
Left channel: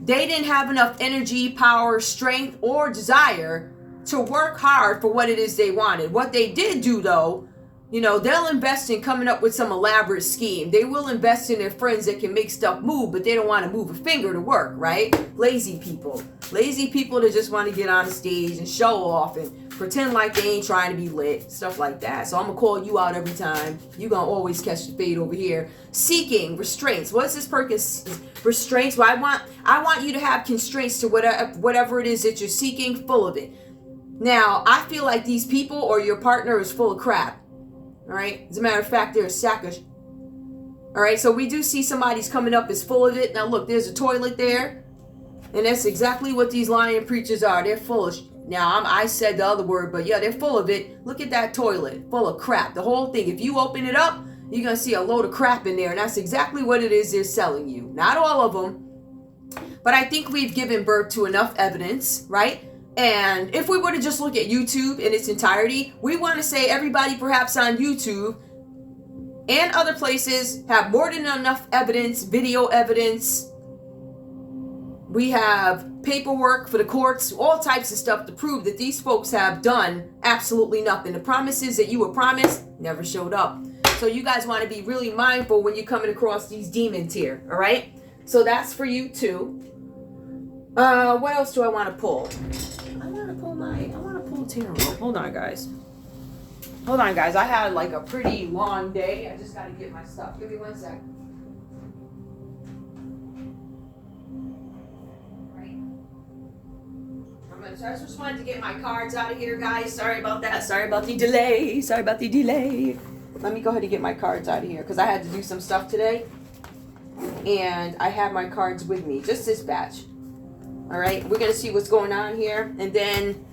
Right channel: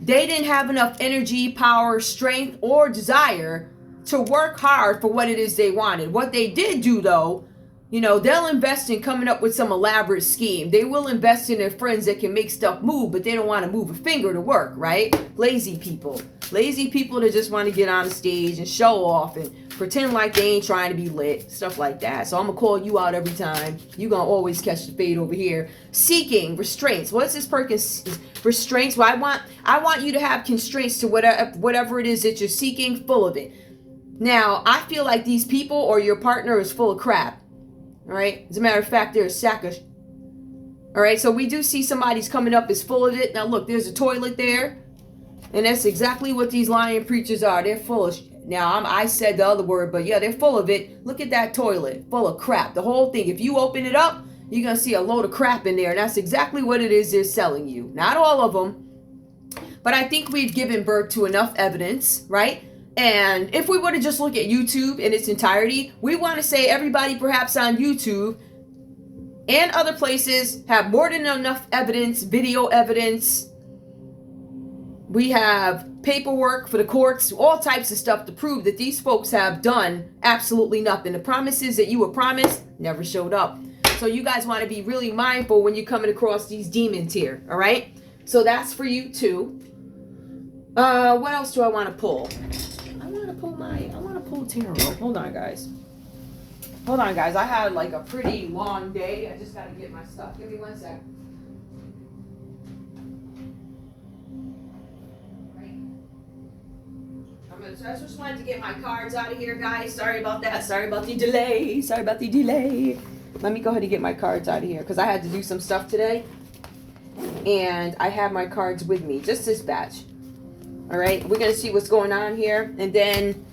they didn't have enough energy, power, strength, or desire to work hard for what it is they wanted. What they did do, though, you know, they'll invest in coming up with some elaborate scheme. They will invest in their friends that can make stuff move, but they don't want to move a finger to work, right? Lazy people. Lazy people that just want to get on the stage and show off and pretend like they ain't trying to be lit. Stuff like that. So I'm going to call you out every time. You're going to always catch the fade over here. Seeking restraints. What's this purpose? Restraints? Well, I want you to have constraints to whatever it is that you're seeking, full of it. Now, I feel like these people or your partner is full of crap. All right. As a matter of fact, they're a sackish. All right. So we do see somebody's coming up is full of it. Now, look, there's a toilet there. And that's exactly what these lying preachers are. They're full of. Now, I said the other word, but yeah, they're full of it. Look at that toilet, full of crap. The whole thing. If you open it up, you're going to see a load of crap in there. And that's exactly what it is they're selling you. Not all of them. But I think we've given birth to enough evidence, right? And if we were to just look at YouTube in its entirety, we want to say everybody perhaps on YouTube and other places have more than enough evidence, video evidence. We have paperwork for the courts, all types of stuff to prove that these folks have done absolutely nothing. The promises that you were promised never showed up. So you guys want to be really mindful when you're coming across these demons here, all right? So that's for you too. What else do I want to pull? I want to pull tarot. Hold on, guys. I had like a pretty long day. I just got to get my stuff. Give me 1 sec. I just wanted to get my cards out of here, guys. Sorry about that. Sorry about the delay. Let me go ahead and get my cards out of here because I had to do some stuff today. And I have my cards with me. Just this batch. All right. We're going to see what's going on here. And then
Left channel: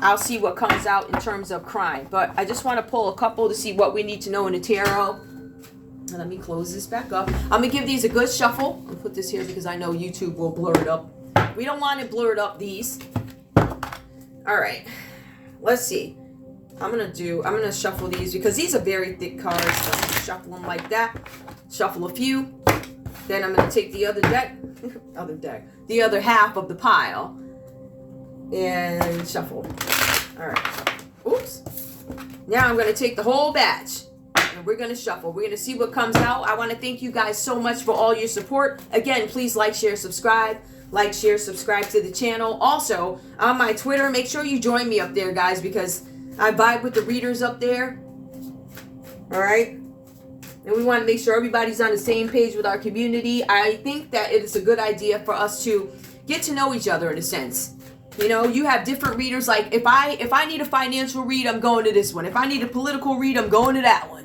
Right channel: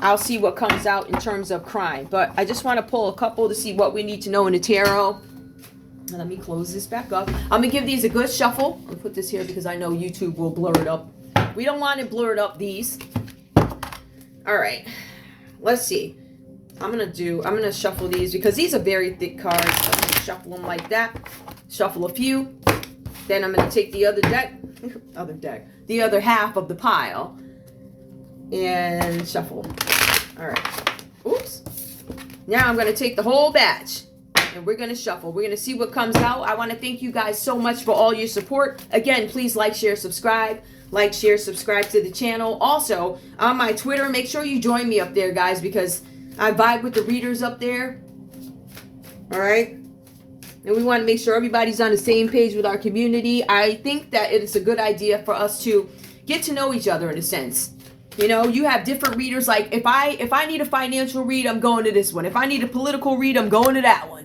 I'll see what comes out in terms of crime. But I just want to pull a couple to see what we need to know in the tarot. And let me close this back up. I'm going to give these a good shuffle. I'll put this here because I know YouTube will blur it up. We don't want it blurred up, these. All right, let's see. I'm gonna shuffle these because these are very thick cards. So I'm gonna shuffle them like that. Shuffle a few. Then I'm going to take the other the other half of the pile and shuffle. All right. Oops. Now I'm going to take the whole batch and we're going to shuffle. We're going to see what comes out. I want to thank you guys so much for all your support. Again, please like, share, subscribe. Like, share, subscribe to the channel. Also, on my Twitter, make sure you join me up there, guys, because I vibe with the readers up there. All right? And we want to make sure everybody's on the same page with our community. I think that it's a good idea for us to get to know each other in a sense. You know, you have different readers. Like, if I need a financial read, I'm going to this one. If I need a political read, I'm going to that one.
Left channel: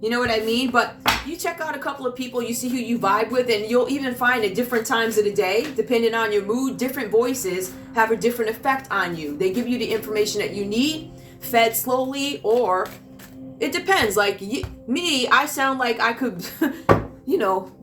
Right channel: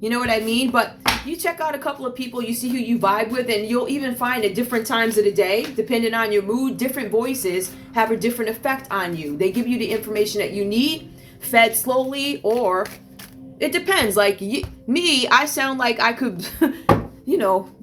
You know what I mean? But you check out a couple of people, you see who you vibe with, and you'll even find at different times of the day, depending on your mood, different voices have a different effect on you. They give you the information that you need, fed slowly, or it depends. Like me, I sound like I could, you know,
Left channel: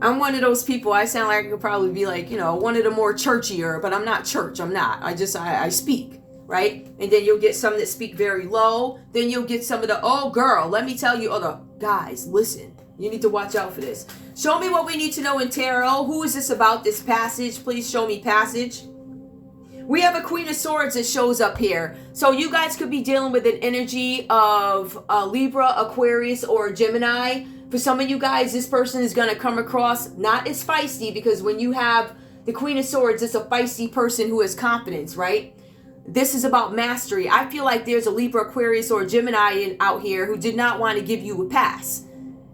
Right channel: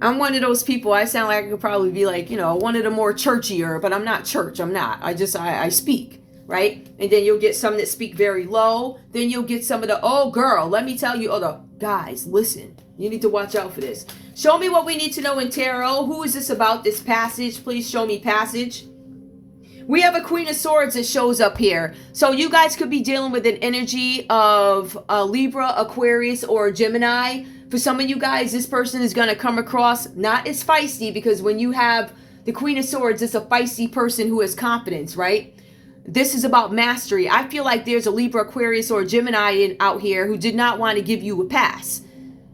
I'm one of those people, I sound like I could probably be like, you know, one of the more churchier, but I'm not church, I'm not. I speak. Right? And then you'll get some that speak very low. Then you'll get some of the, oh girl, let me tell you, the guys, listen, you need to watch out for this. Show me what we need to know in tarot. Who is this about, this passage? Please show me passage. We have a Queen of Swords that shows up here. So you guys could be dealing with an energy of Libra, Aquarius, or Gemini. For some of you guys, this person is going to come across not as feisty, because when you have the Queen of Swords, it's a feisty person who has confidence, right? This is about mastery. I feel like there's a Libra, Aquarius, or Gemini out here who did not want to give you a pass.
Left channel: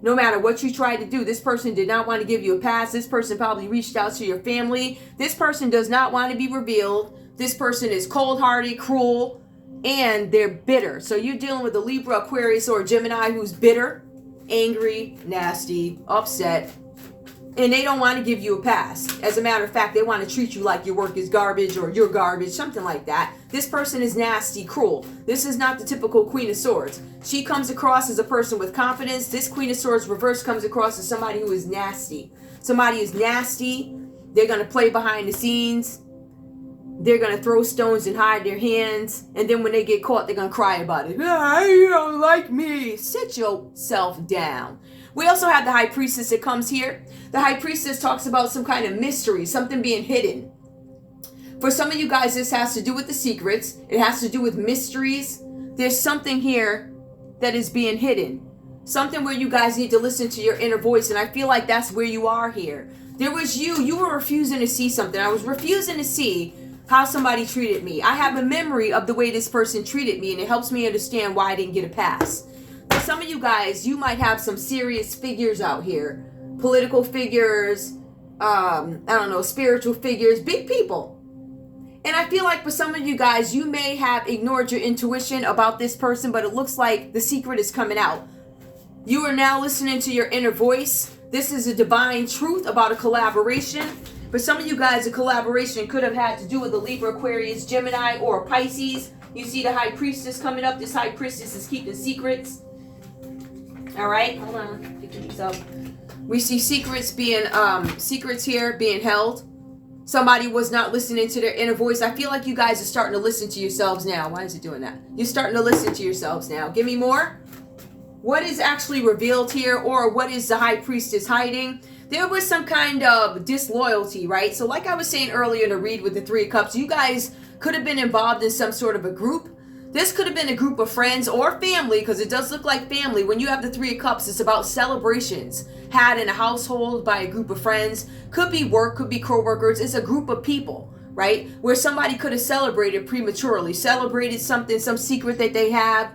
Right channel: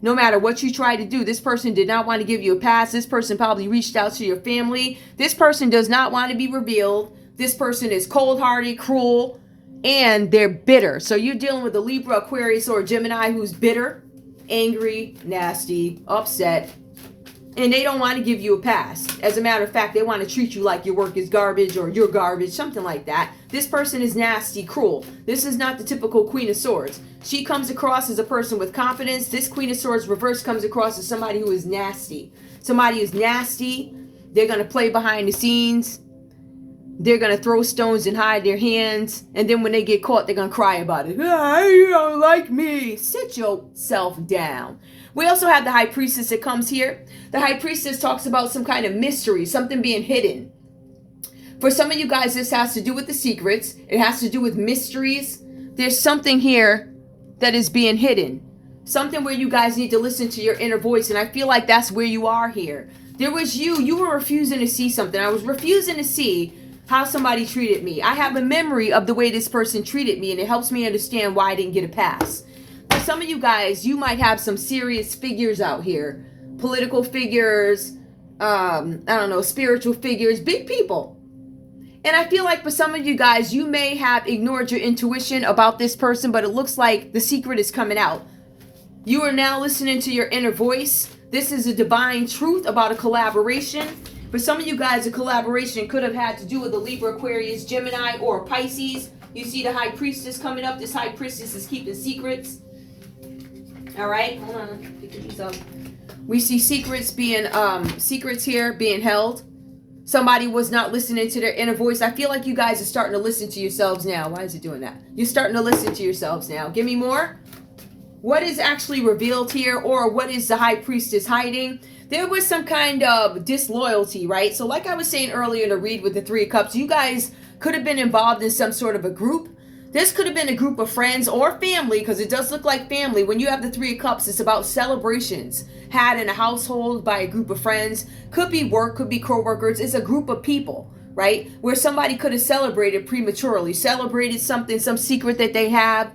No matter what you try to do, this person did not want to give you a pass. This person probably reached out to your family. This person does not want to be revealed. This person is cold-hearted, cruel, and they're bitter. So you're dealing with a Libra, Aquarius, or Gemini who's bitter, angry, nasty, upset, and they don't want to give you a pass. As a matter of fact, they want to treat you like your work is garbage or you're garbage, something like that. This person is nasty, cruel. This is not the typical Queen of Swords. She comes across as a person with confidence. This Queen of Swords reverse comes across as somebody who is nasty. Somebody is nasty. They're going to play behind the scenes. They're going to throw stones and hide their hands. And then when they get caught, they're going to cry about it. Ah, you don't like me. Sit yourself down. We also have the High Priestess that comes here. The High Priestess talks about some kind of mystery, something being hidden. For some of you guys, this has to do with the secrets. It has to do with mysteries. There's something here that is being hidden. Something where you guys need to listen to your inner voice. And I feel like that's where you are here. There was you were refusing to see something. I was refusing to see how somebody treated me. I have a memory of the way this person treated me, and it helps me understand why I didn't get a pass. For some of you guys, you might have some serious figures out here. Political figures, I don't know, spiritual figures, big people. And I feel like for some of you guys, you may have ignored your intuition about this person, but it looks like the secret is coming out. You are now listening to your inner voice. This is a divine truth about a collaboration. For some of you guys, a collaboration could have had to do with a Libra, Aquarius, Gemini, or Pisces. You see the High Priestess coming up. This High Priestess is keeping secrets. All right, hold on. Pick these up. We see secrets here being held. Somebody was not listening to their inner voice. I feel like you guys are starting to listen to yourselves now. Why is it doing that? You're starting to listen to yourselves now. Give me more. What is actually revealed here, or what is the High Priestess hiding? There was some kind of disloyalty, right? So like I was saying earlier in the read with the Three of Cups, you guys could have been involved in some sort of a group. This could have been a group of friends or family, because it does look like family. When you have the Three of Cups, it's about celebrations had in a household by a group of friends. Could be work, could be co-workers. It's a group of people, right? Where somebody could have celebrated prematurely, celebrated something, some secret that they have.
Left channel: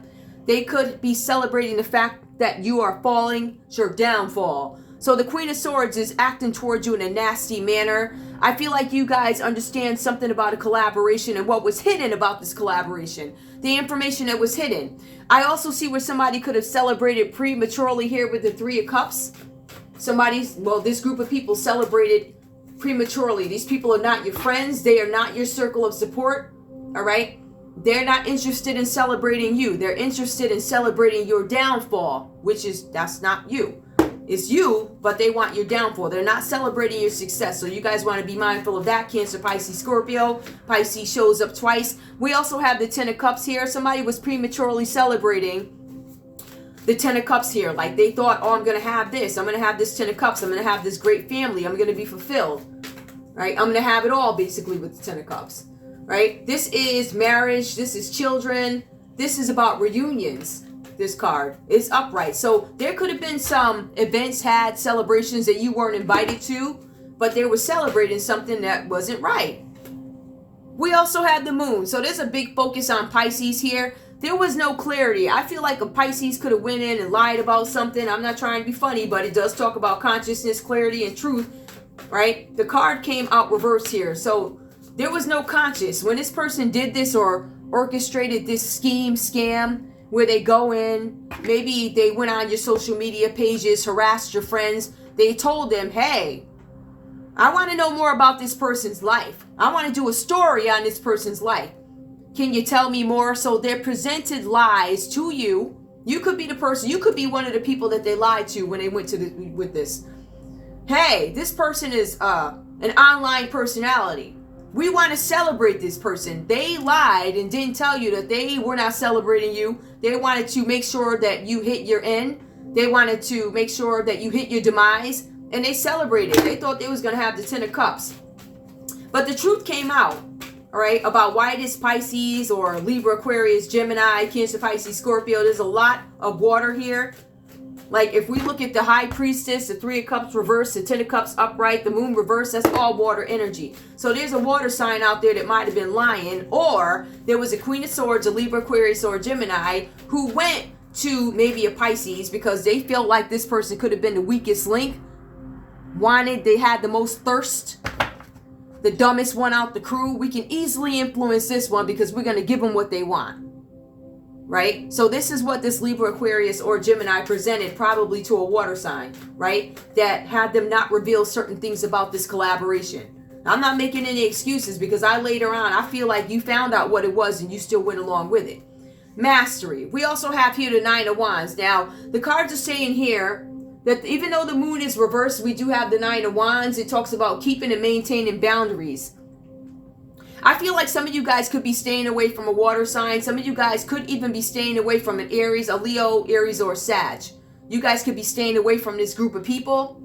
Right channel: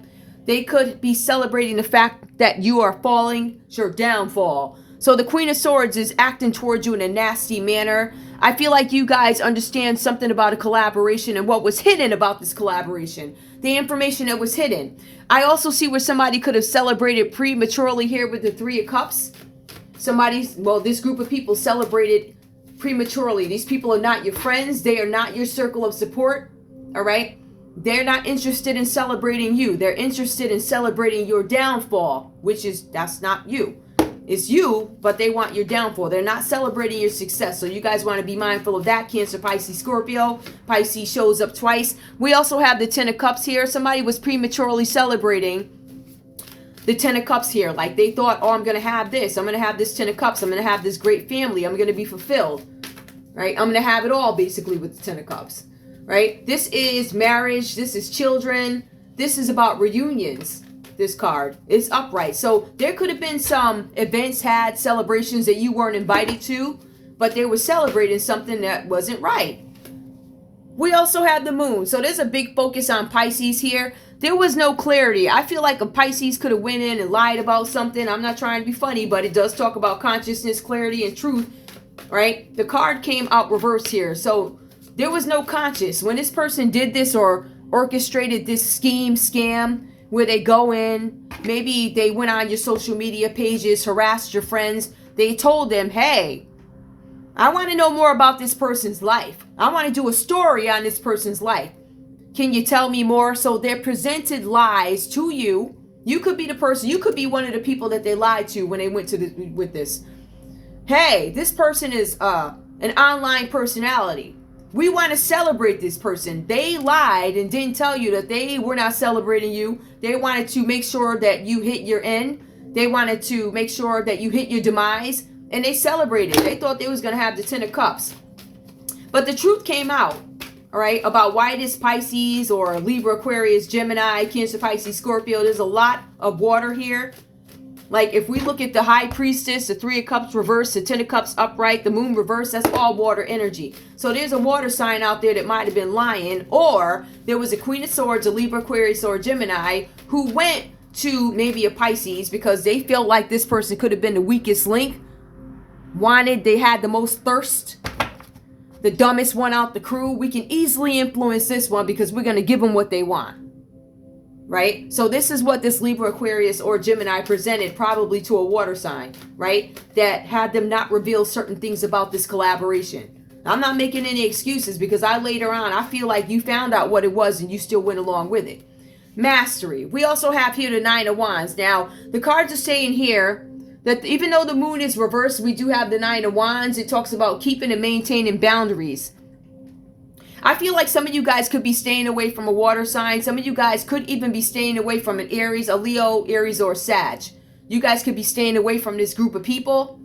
They could be celebrating the fact that you are falling, it's your downfall. So the Queen of Swords is acting towards you in a nasty manner. I feel like you guys understand something about a collaboration and what was hidden about this collaboration. The information that was hidden. I also see where somebody could have celebrated prematurely here with the Three of Cups. This group of people celebrated prematurely. These people are not your friends. They are not your circle of support. All right? They're not interested in celebrating you. They're interested in celebrating your downfall, that's not you. It's you, but they want your downfall. They're not celebrating your success. So you guys want to be mindful of that. Cancer, Pisces, Scorpio. Pisces shows up twice. We also have the Ten of Cups here. Somebody was prematurely celebrating the Ten of Cups here. Like they thought, oh, I'm going to have this. I'm going to have this Ten of Cups. I'm going to have this great family. I'm going to be fulfilled. Right? I'm going to have it all basically with the Ten of Cups. Right? This is marriage. This is children. This is about reunions. This card is upright. So there could have been some events had, celebrations that you weren't invited to, but they were celebrating something that wasn't right. We also have the moon. So there's a big focus on Pisces here. There was no clarity. I feel like a Pisces could have went in and lied about something. I'm not trying to be funny, but it does talk about consciousness, clarity, and truth, right? The card came out reversed here. So there was no conscious. When this person did this or orchestrated this scheme, scam, where they go in, maybe they went on your social media pages, harassed your friends. They told them, hey, I want to know more about this person's life. I want to do a story on this person's life. Can you tell me more? So they're presented lies to you. You could be the person, you could be one of the people that they lied to when they went to with this. Hey, this person is an online personality. We want to celebrate this person. They lied and didn't tell you that they were not celebrating you. They wanted to make sure that you hit your end. They wanted to make sure that you hit your demise. And they celebrated. They thought they was going to have the Ten of Cups. But the truth came out, all right, about why this Pisces or Libra, Aquarius, Gemini, Cancer, Pisces, Scorpio. There's a lot of water here. Like if we look at the High Priestess, the Three of Cups reversed, the Ten of Cups upright, the Moon reversed, that's all water energy. So there's a water sign out there that might have been lying. Or there was a Queen of Swords, a Libra, Aquarius, or a Gemini who went to maybe a Pisces because they felt like this person could have been the weakest link. They had the most thirst, the dumbest one out the crew. We can easily influence this one because we're going to give them what they want. Right? So this is what this Libra, Aquarius, or Gemini presented probably to a water sign, right? That had them not reveal certain things about this collaboration. Now, I'm not making any excuses because later on, I feel like you found out what it was and you still went along with it. Mastery. We also have here the Nine of Wands. Now, the cards are saying here that even though the moon is reversed, we do have the Nine of Wands. It talks about keeping and maintaining boundaries. I feel like some of you guys could be staying away from a water sign. Some of you guys could even be staying away from an Aries, a Leo, Aries, or Sag. You guys could be staying away from this group of people.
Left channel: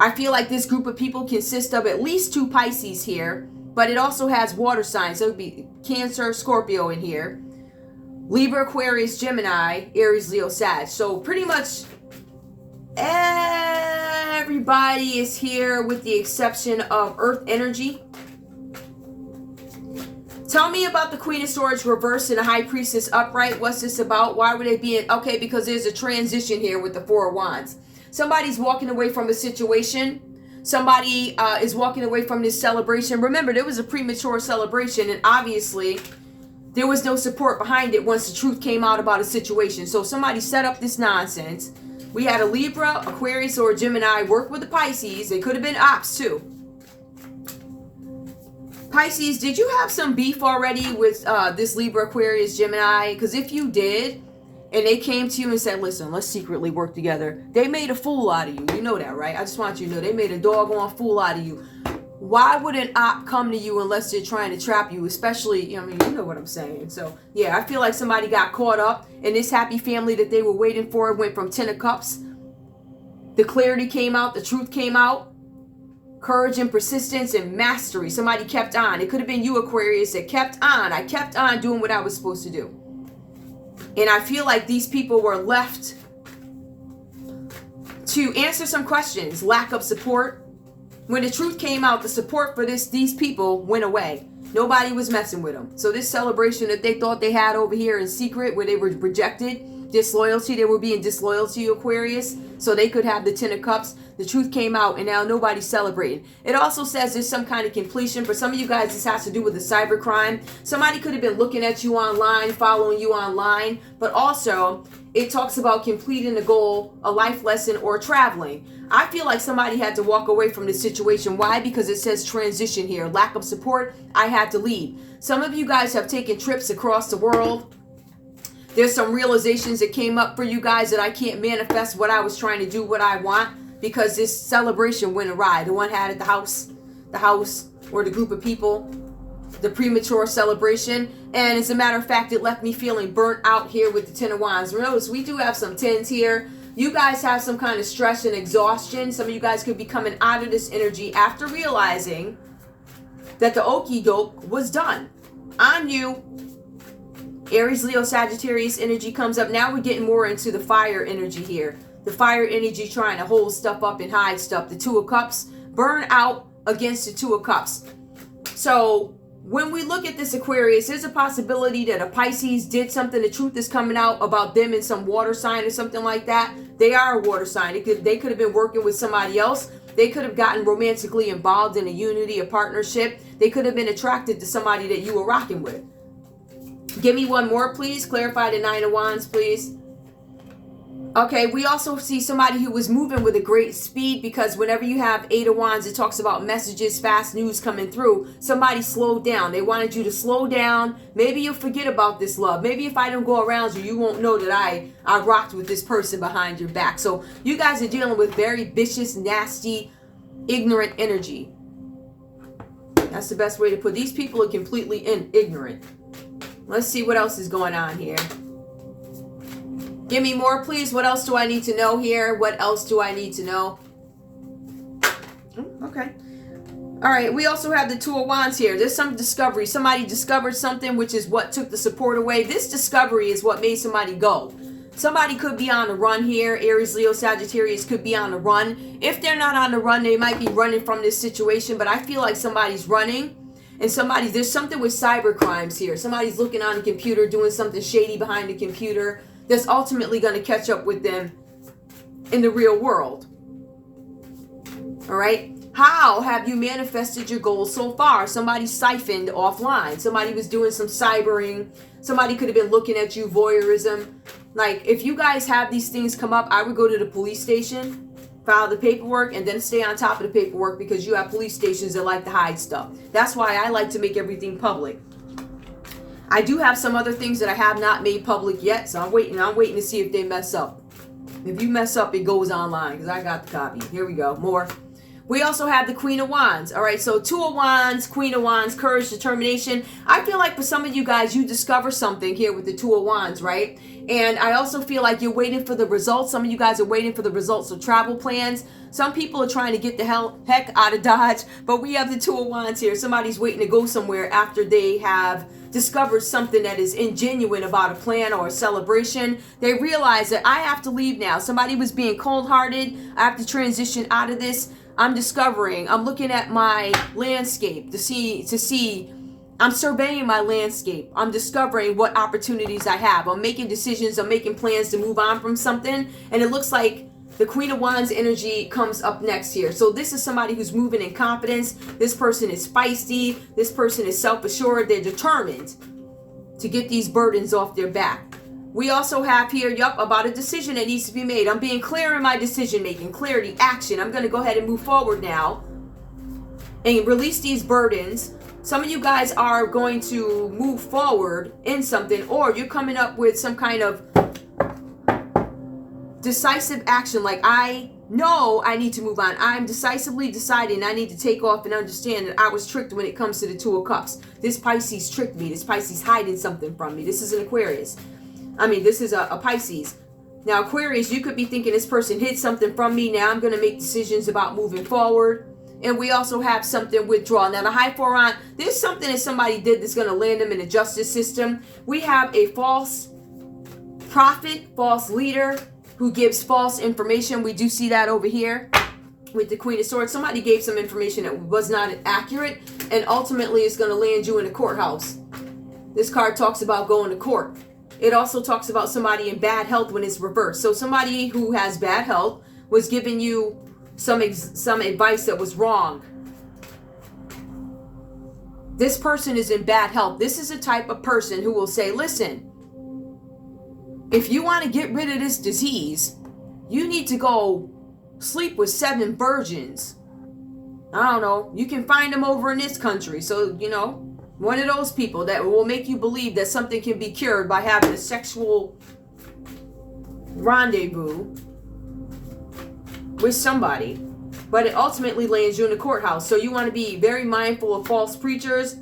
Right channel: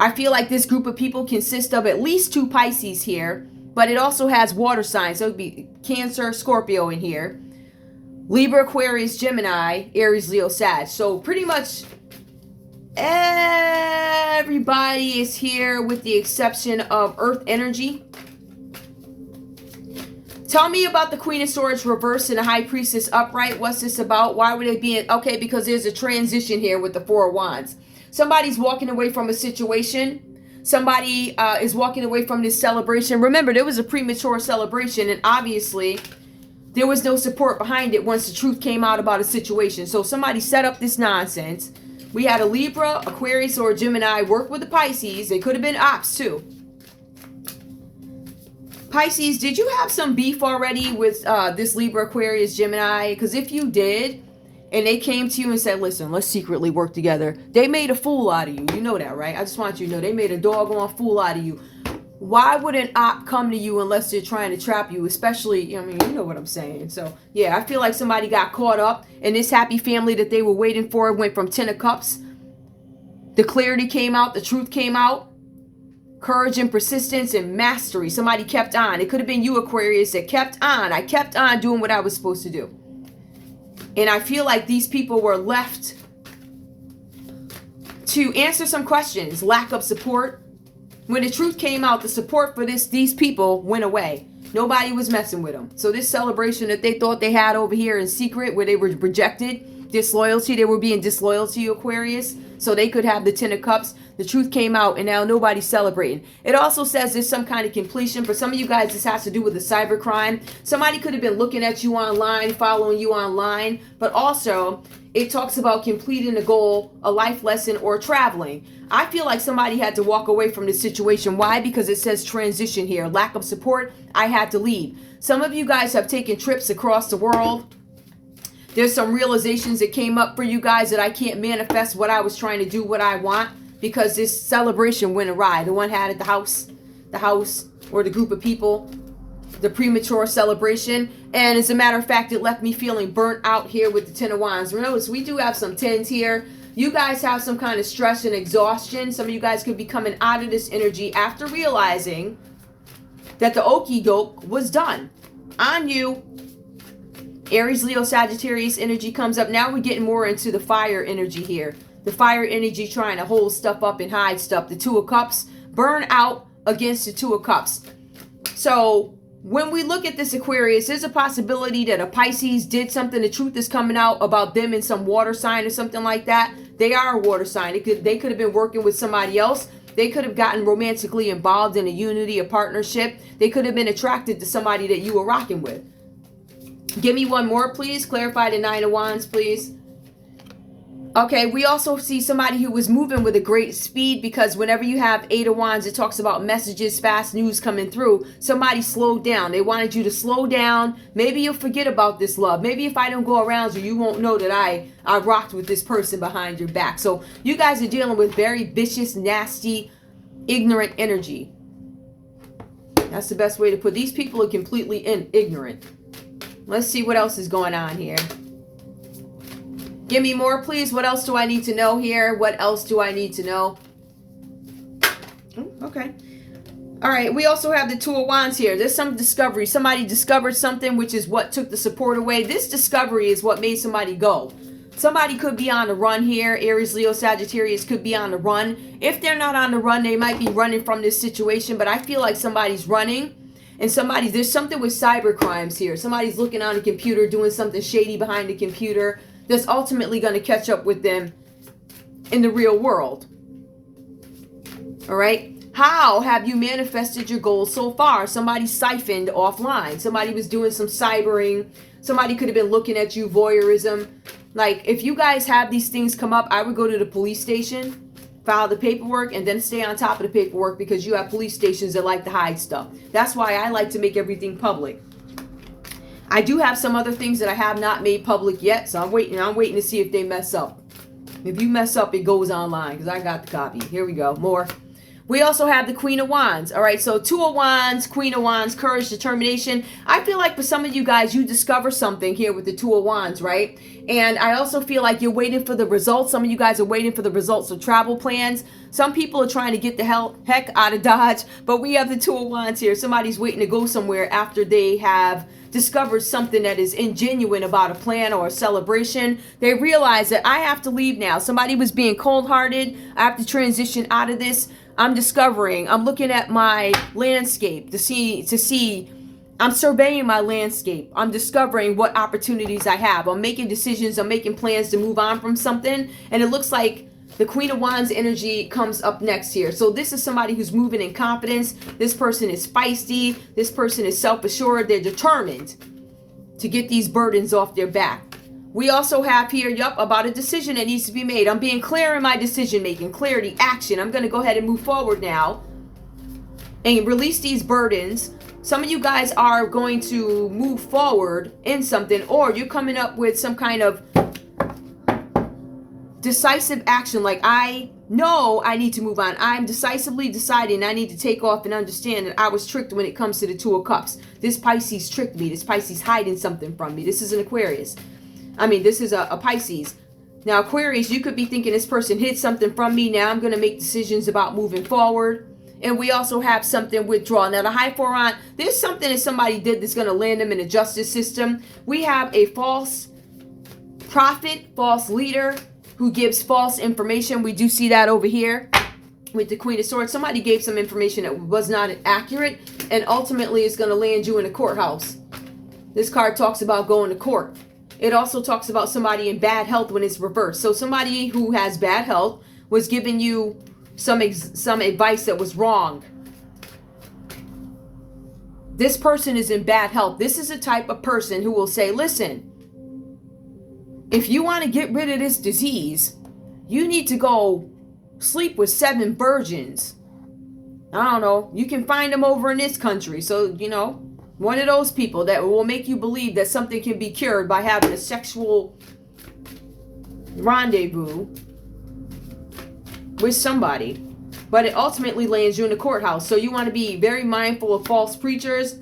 I feel like this group of people consists of at least 2 Pisces here, but it also has water signs. So it would be Cancer, Scorpio in here. Libra, Aquarius, Gemini, Aries, Leo, Sag. So pretty much everybody is here with the exception of Earth energy. Tell me about the Queen of Swords reversed and the High Priestess upright. What's this about? Why would they be in? Okay, because there's a transition here with the Four of Wands. Somebody's walking away from a situation. Somebody is walking away from this celebration. Remember, there was a premature celebration, and obviously there was no support behind it once the truth came out about a situation. So somebody set up this nonsense. We had a Libra, Aquarius, or a Gemini work with the Pisces. They could have been ops too. Pisces, did you have some beef already with this Libra, Aquarius, Gemini? Because if you did, and they came to you and said, listen, let's secretly work together. They made a fool out of you. You know that, right? I just want you to know they made a doggone fool out of you. Why would an op come to you unless they're trying to trap you? Especially, I mean, you know what I'm saying. So, yeah, I feel like somebody got caught up. And this happy family that they were waiting for went from 10 of Cups. The clarity came out. The truth came out. Courage and persistence and mastery. Somebody kept on. It could have been you, Aquarius, that kept on. I kept on doing what I was supposed to do. And I feel like these people were left to answer some questions. Lack of support. When the truth came out, the support for these people went away. Nobody was messing with them. So this celebration that they thought they had over here in secret, where they were rejected, disloyalty, they were being disloyal to you, Aquarius, so they could have the 10 of Cups. The truth came out, and now nobody's celebrating. It also says there's some kind of completion. For some of you guys, this has to do with a cyber crime. Somebody could have been looking at you online, following you online, but also it talks about completing a goal, a life lesson, or traveling. I feel like somebody had to walk away from this situation. Why? Because it says transition here. Lack of support. I had to leave. Some of you guys have taken trips across the world. There's some realizations that came up for you guys that I can't manifest what I was trying to do, what I want, because this celebration went awry. The one had at the house, or the group of people, the premature celebration. And as a matter of fact, it left me feeling burnt out here with the Ten of Wands. Notice we do have some tens here. You guys have some kind of stress and exhaustion. Some of you guys could be coming out of this energy after realizing that the okie doke was done on you. Aries, Leo, Sagittarius energy comes up. Now we're getting more into the fire energy here. The fire energy trying to hold stuff up and hide stuff. The Two of Cups, burn out against the Two of Cups. So when we look at this Aquarius, there's a possibility that a Pisces did something. The truth is coming out about them in some water sign or something like that. They are a water sign. They could have been working with somebody else. They could have gotten romantically involved in a unity, a partnership. They could have been attracted to somebody that you were rocking with. Give me one more, please. Clarify the Nine of Wands, please. Okay, we also see somebody who was moving with a great speed, because whenever you have Eight of Wands, it talks about messages, fast news coming through. Somebody slowed down. They wanted you to slow down. Maybe you'll forget about this love. Maybe if I don't go around you, you won't know that I rocked with this person behind your back. So you guys are dealing with very vicious, nasty, ignorant energy. That's the best way to put it. These people are completely ignorant. Let's see what else is going on here. Give me more, please. What else do I need to know here? What else do I need to know? Okay. All right. We also have the Two of Wands here. There's some discovery. Somebody discovered something, which is what took the support away. This discovery is what made somebody go. Somebody could be on the run here. Aries, Leo, Sagittarius could be on the run. If they're not on the run, they might be running from this situation. But I feel like somebody's running. And there's something with cyber crimes here. Somebody's looking on the computer, doing something shady behind the computer that's ultimately going to catch up with them in the real world. All right. How have you manifested your goals so far? Somebody siphoned offline. Somebody was doing some cybering. Somebody could have been looking at you, voyeurism. Like, if you guys have these things come up, I would go to the police station, file the paperwork, and then stay on top of the paperwork, because you have police stations that like to hide stuff. That's why I like to make everything public. I do have some other things that I have not made public yet, so I'm waiting to see if they mess up. If you mess up, it goes online, because I got the copy. Here we go. More. We also have the Queen of Wands. All right, so Two of Wands, Queen of Wands, courage, determination. I feel like for some of you guys, you discover something here with the Two of Wands, right? And I also feel like you're waiting for the results. Some of you guys are waiting for the results of travel plans. Some people are trying to get the heck out of Dodge, but we have the Two of Wands here. Somebody's waiting to go somewhere after they have discovered something that is ingenuine about a plan or a celebration. They realize that I have to leave now. Somebody was being cold-hearted. I have to transition out of this. I'm looking at my landscape to see, I'm surveying my landscape. I'm discovering what opportunities I have. I'm making decisions. I'm making plans to move on from something. And it looks like the Queen of Wands energy comes up next here. So this is somebody who's moving in confidence. This person is feisty. This person is self-assured. They're determined to get these burdens off their back. We also have here, about a decision that needs to be made. I'm being clear in my decision making, clarity, action. I'm going to go ahead and move forward now and release these burdens. Some of you guys are going to move forward in something, or you're coming up with some kind of decisive action. Like, I know I need to move on. I'm decisively deciding I need to take off and understand that I was tricked when it comes to the Two of Cups. This Pisces tricked me. This Pisces hiding something from me. This is an Aquarius. This is a Pisces. Now, Aquarius, you could be thinking this person hid something from me. Now I'm going to make decisions about moving forward. And we also have something withdrawal. Now, the High Four on, there's something that somebody did that's going to land them in the justice system. We have a false prophet, false leader who gives false information. We do see that over here with the Queen of Swords. Somebody gave some information that was not accurate, and ultimately it's going to land you in a courthouse. This card talks about going to court. It also talks about somebody in bad health when it's reversed. So somebody who has bad health was giving you some advice that was wrong. This person is in bad health. This is a type of person who will say, listen, if you want to get rid of this disease, you need to go sleep with 7 virgins. I don't know. You can find them over in this country. So, one of those people that will make you believe that something can be cured by having a sexual rendezvous with somebody. But it ultimately lands you in the courthouse. So you want to be very mindful of false preachers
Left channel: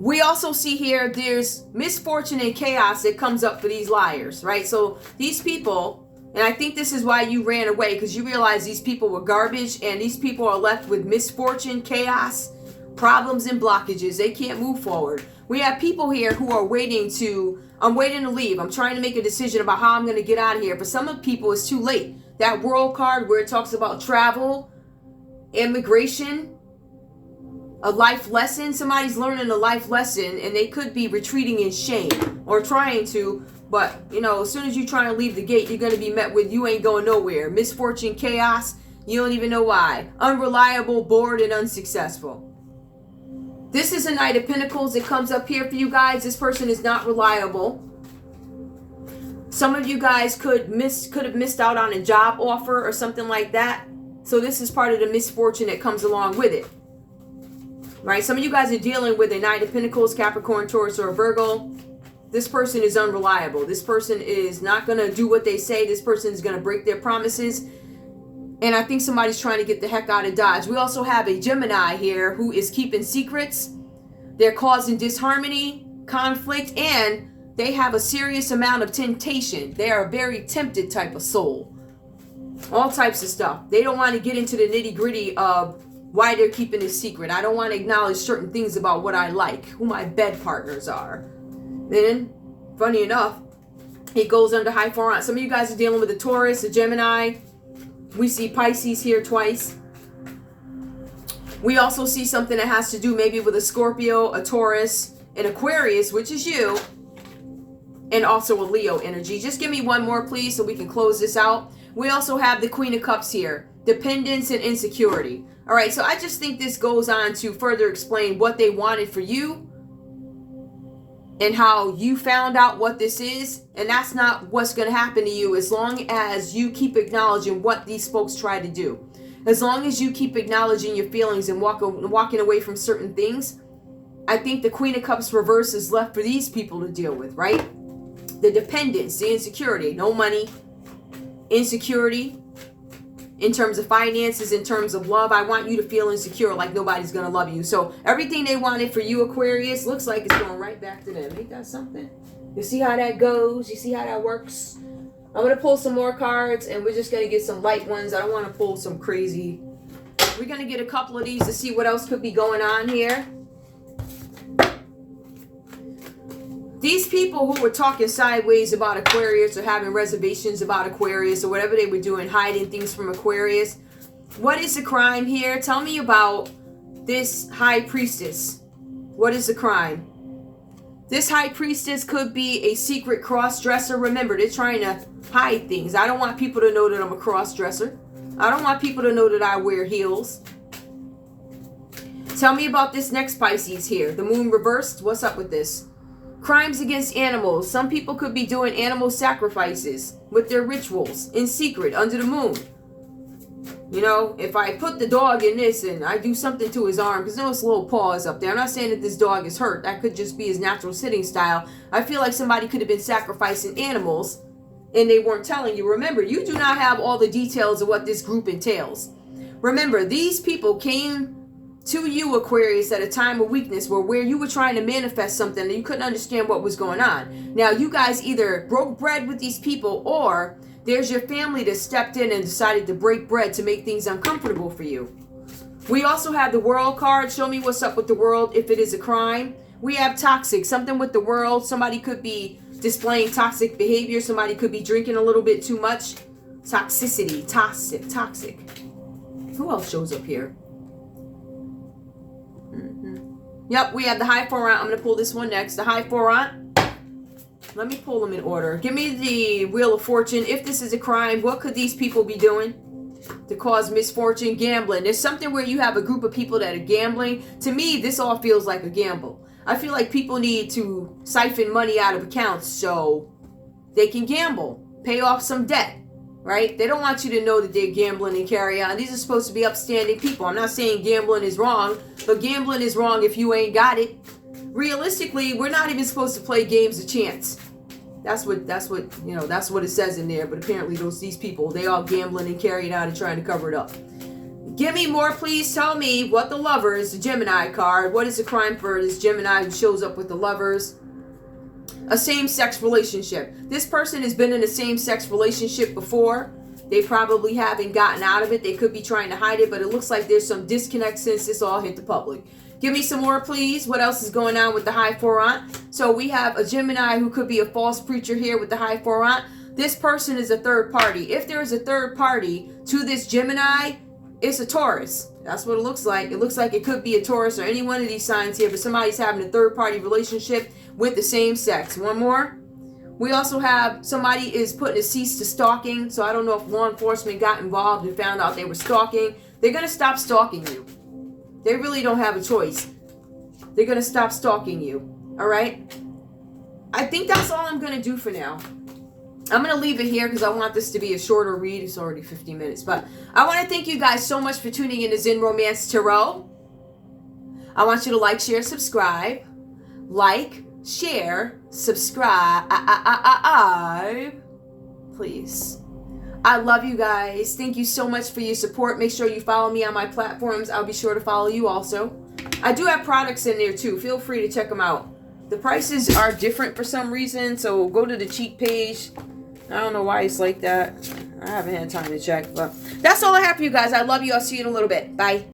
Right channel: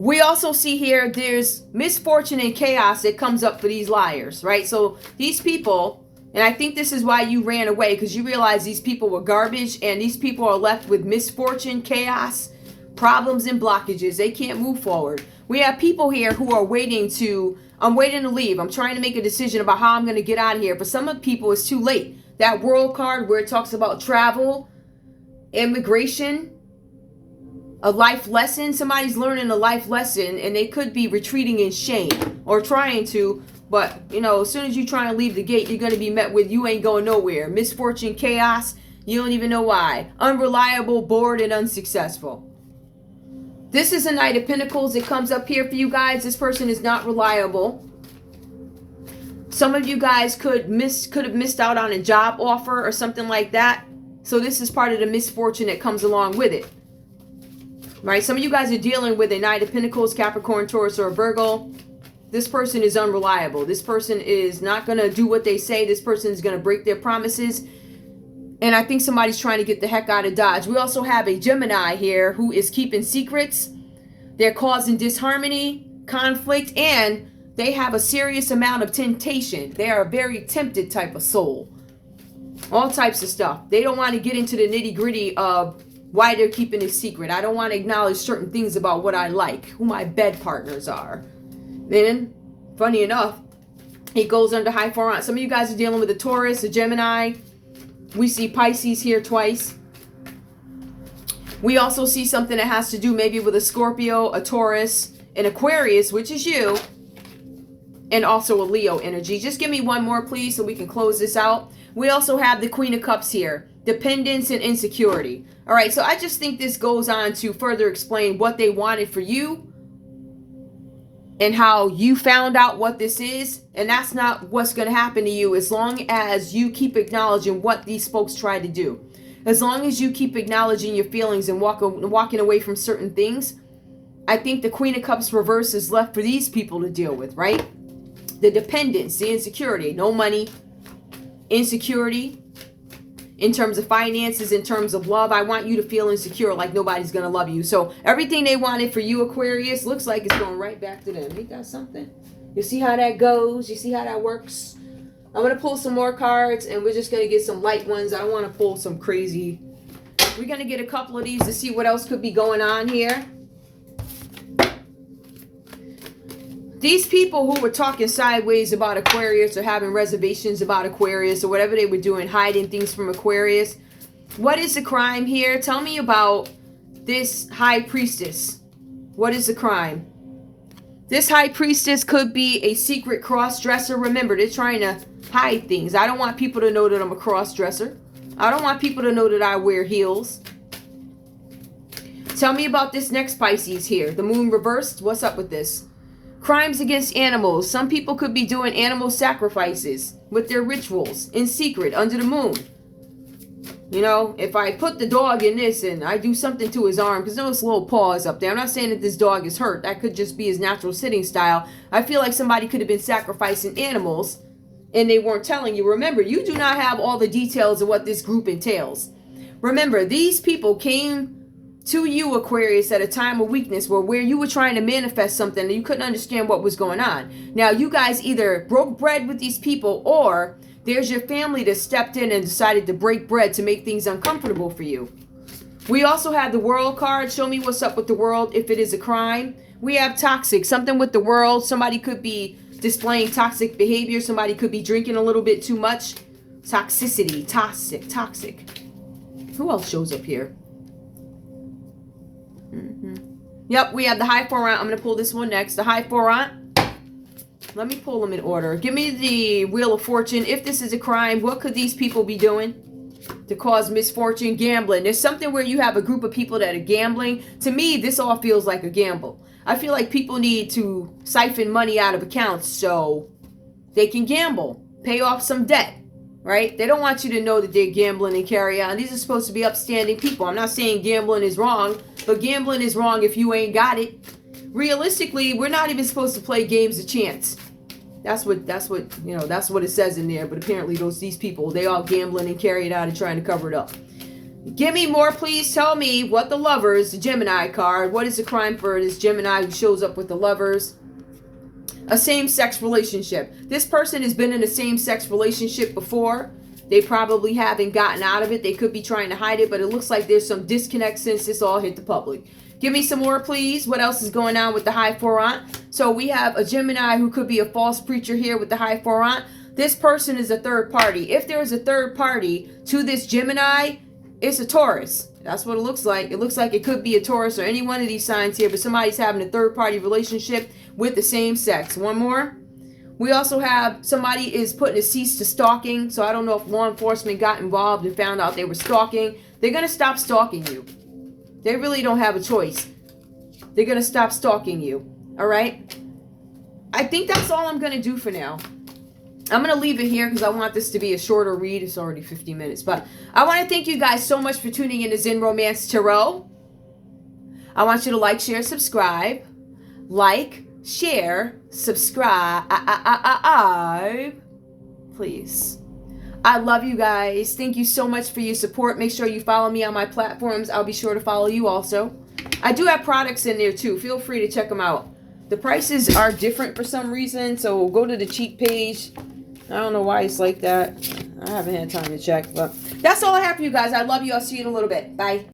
We also see here there's misfortune and chaos that comes up for these liars, right? So these people, and I think this is why you ran away, because you realize these people were garbage, and these people are left with misfortune, chaos, problems, and blockages. They can't move forward. We have people here who are waiting to, I'm waiting to leave. I'm trying to make a decision about how I'm going to get out of here. For some of people, it's too late. That world card where it talks about travel, immigration, a life lesson. Somebody's learning a life lesson, and they could be retreating in shame or trying to, but you know, as soon as you try and leave the gate, you're going to be met with, you ain't going nowhere. Misfortune, chaos, you don't even know why. Unreliable, bored, and unsuccessful. This is a Knight of Pentacles that comes up here for you guys. This person is not reliable. Some of you guys could have missed out on a job offer or something like that. So this is part of the misfortune that comes along with it. Right? Some of you guys are dealing with a Knight of Pentacles, Capricorn, Taurus, or Virgo. This person is unreliable. This person is not going to do what they say. This person is going to break their promises. And I think somebody's trying to get the heck out of Dodge. We also have a Gemini here who is keeping secrets. They're causing disharmony, conflict, and they have a serious amount of temptation. They are a very tempted type of soul. All types of stuff. They don't want to get into the nitty-gritty of why they're keeping it secret. I don't want to acknowledge certain things about what I like, who my bed partners are. Then, funny enough, it goes under high four. Some of you guys are dealing with a Taurus, a Gemini. We see Pisces here twice. We also see something that has to do maybe with a Scorpio, a Taurus, an Aquarius, which is you, and also a Leo energy. Just give me one more, please, so we can close this out. We also have the Queen of Cups here, dependence and insecurity. All right, so I just think this goes on to further explain what they wanted for you and how you found out what this is. And that's not what's going to happen to you as long as you keep acknowledging what these folks try to do. As long as you keep acknowledging your feelings and walking away from certain things, I think the Queen of Cups reverse is left for these people to deal with, right? The dependence, the insecurity, no money, insecurity in terms of finances, in terms of love. I want you to feel insecure, like nobody's going to love you. So everything they wanted for you, Aquarius, looks like it's going right back to them. Ain't that something? You see how that goes? You see how that works? I'm going to pull some more cards, and we're just going to get some light ones. I don't want to pull some crazy. We're going to get a couple of these to see what else could be going on here. These people who were talking sideways about Aquarius or having reservations about Aquarius or whatever they were doing, hiding things from Aquarius. What is the crime here? Tell me about this High Priestess. What is the crime? This High Priestess could be a secret cross-dresser. Remember, they're trying to hide things. I don't want people to know that I'm a cross-dresser. I don't want people to know that I wear heels. Tell me about this next Pisces here. The moon reversed. What's up with this? Crimes against animals. Some people could be doing animal sacrifices with their rituals in secret under the moon. You know, if I put the dog in this and I do something to his arm, because there's little paws up there. I'm not saying that this dog is hurt. That could just be his natural sitting style. I feel like somebody could have been sacrificing animals and they weren't telling you. Remember, you do not have all the details of what this group entails. Remember, these people came to you, Aquarius, at a time of weakness where you were trying to manifest something and you couldn't understand what was going on. Now, you guys either broke bread with these people, or there's your family that stepped in and decided to break bread to make things uncomfortable for you. We also have the World card. Show me what's up with the world if it is a crime. We have toxic, something with the world. Somebody could be displaying toxic behavior. Somebody could be drinking a little bit too much. Toxicity, toxic. Who else shows up here? Yep, we have the High Four Aunt. I'm going to pull this one next. The High Four Aunt. Let me pull them in order. Give me the Wheel of Fortune. If this is a crime, what could these people be doing to cause misfortune? Gambling. There's something where you have a group of people that are gambling. To me, this all feels like a gamble. I feel like people need to siphon money out of accounts so they can gamble, pay off some debt. Right? They don't want you to know that they're gambling and carry on. These are supposed to be upstanding people. I'm not saying gambling is wrong, but gambling is wrong if you ain't got it. Realistically, we're not even supposed to play games of chance. That's what it says in there. But apparently these people, they all gambling and carry it out and trying to cover it up. Give me more, please. Tell me what the lovers, the Gemini card, what is the crime for this Gemini who shows up with the lovers? A same-sex relationship. This person has been in a same-sex relationship before. They probably haven't gotten out of it. They could be trying to hide it, but it looks like there's some disconnect since this all hit the public. Give me some more, please. What else is going on with the High Four Aunt? So we have a Gemini who could be a false preacher here with the High Four Aunt. This person is a third party. If there is a third party to this Gemini, it's a Taurus. That's what it looks like. It looks like it could be a Taurus or any one of these signs here, but somebody's having a third party relationship with the same sex. One more. We also have somebody is putting a cease to stalking. So I don't know if law enforcement got involved and found out they were stalking. They're going to stop stalking you. They really don't have a choice. They're going to stop stalking you. All right? I think that's all I'm going to do for now. I'm going to leave it here because I want this to be a shorter read. It's already 50 minutes. But I want to thank you guys so much for tuning in to Zen Romance Tarot. I want you to like, share, subscribe. Like, share, subscribe. Please. I love you guys. Thank you so much for your support. Make sure you follow me on my platforms. I'll be sure to follow you also. I do have products in there too. Feel free to check them out. The prices are different for some reason, so go to the cheap page. I don't know why it's like that. I haven't had time to check, but that's all I have for you guys. I love you. I'll see you in a little bit. Bye.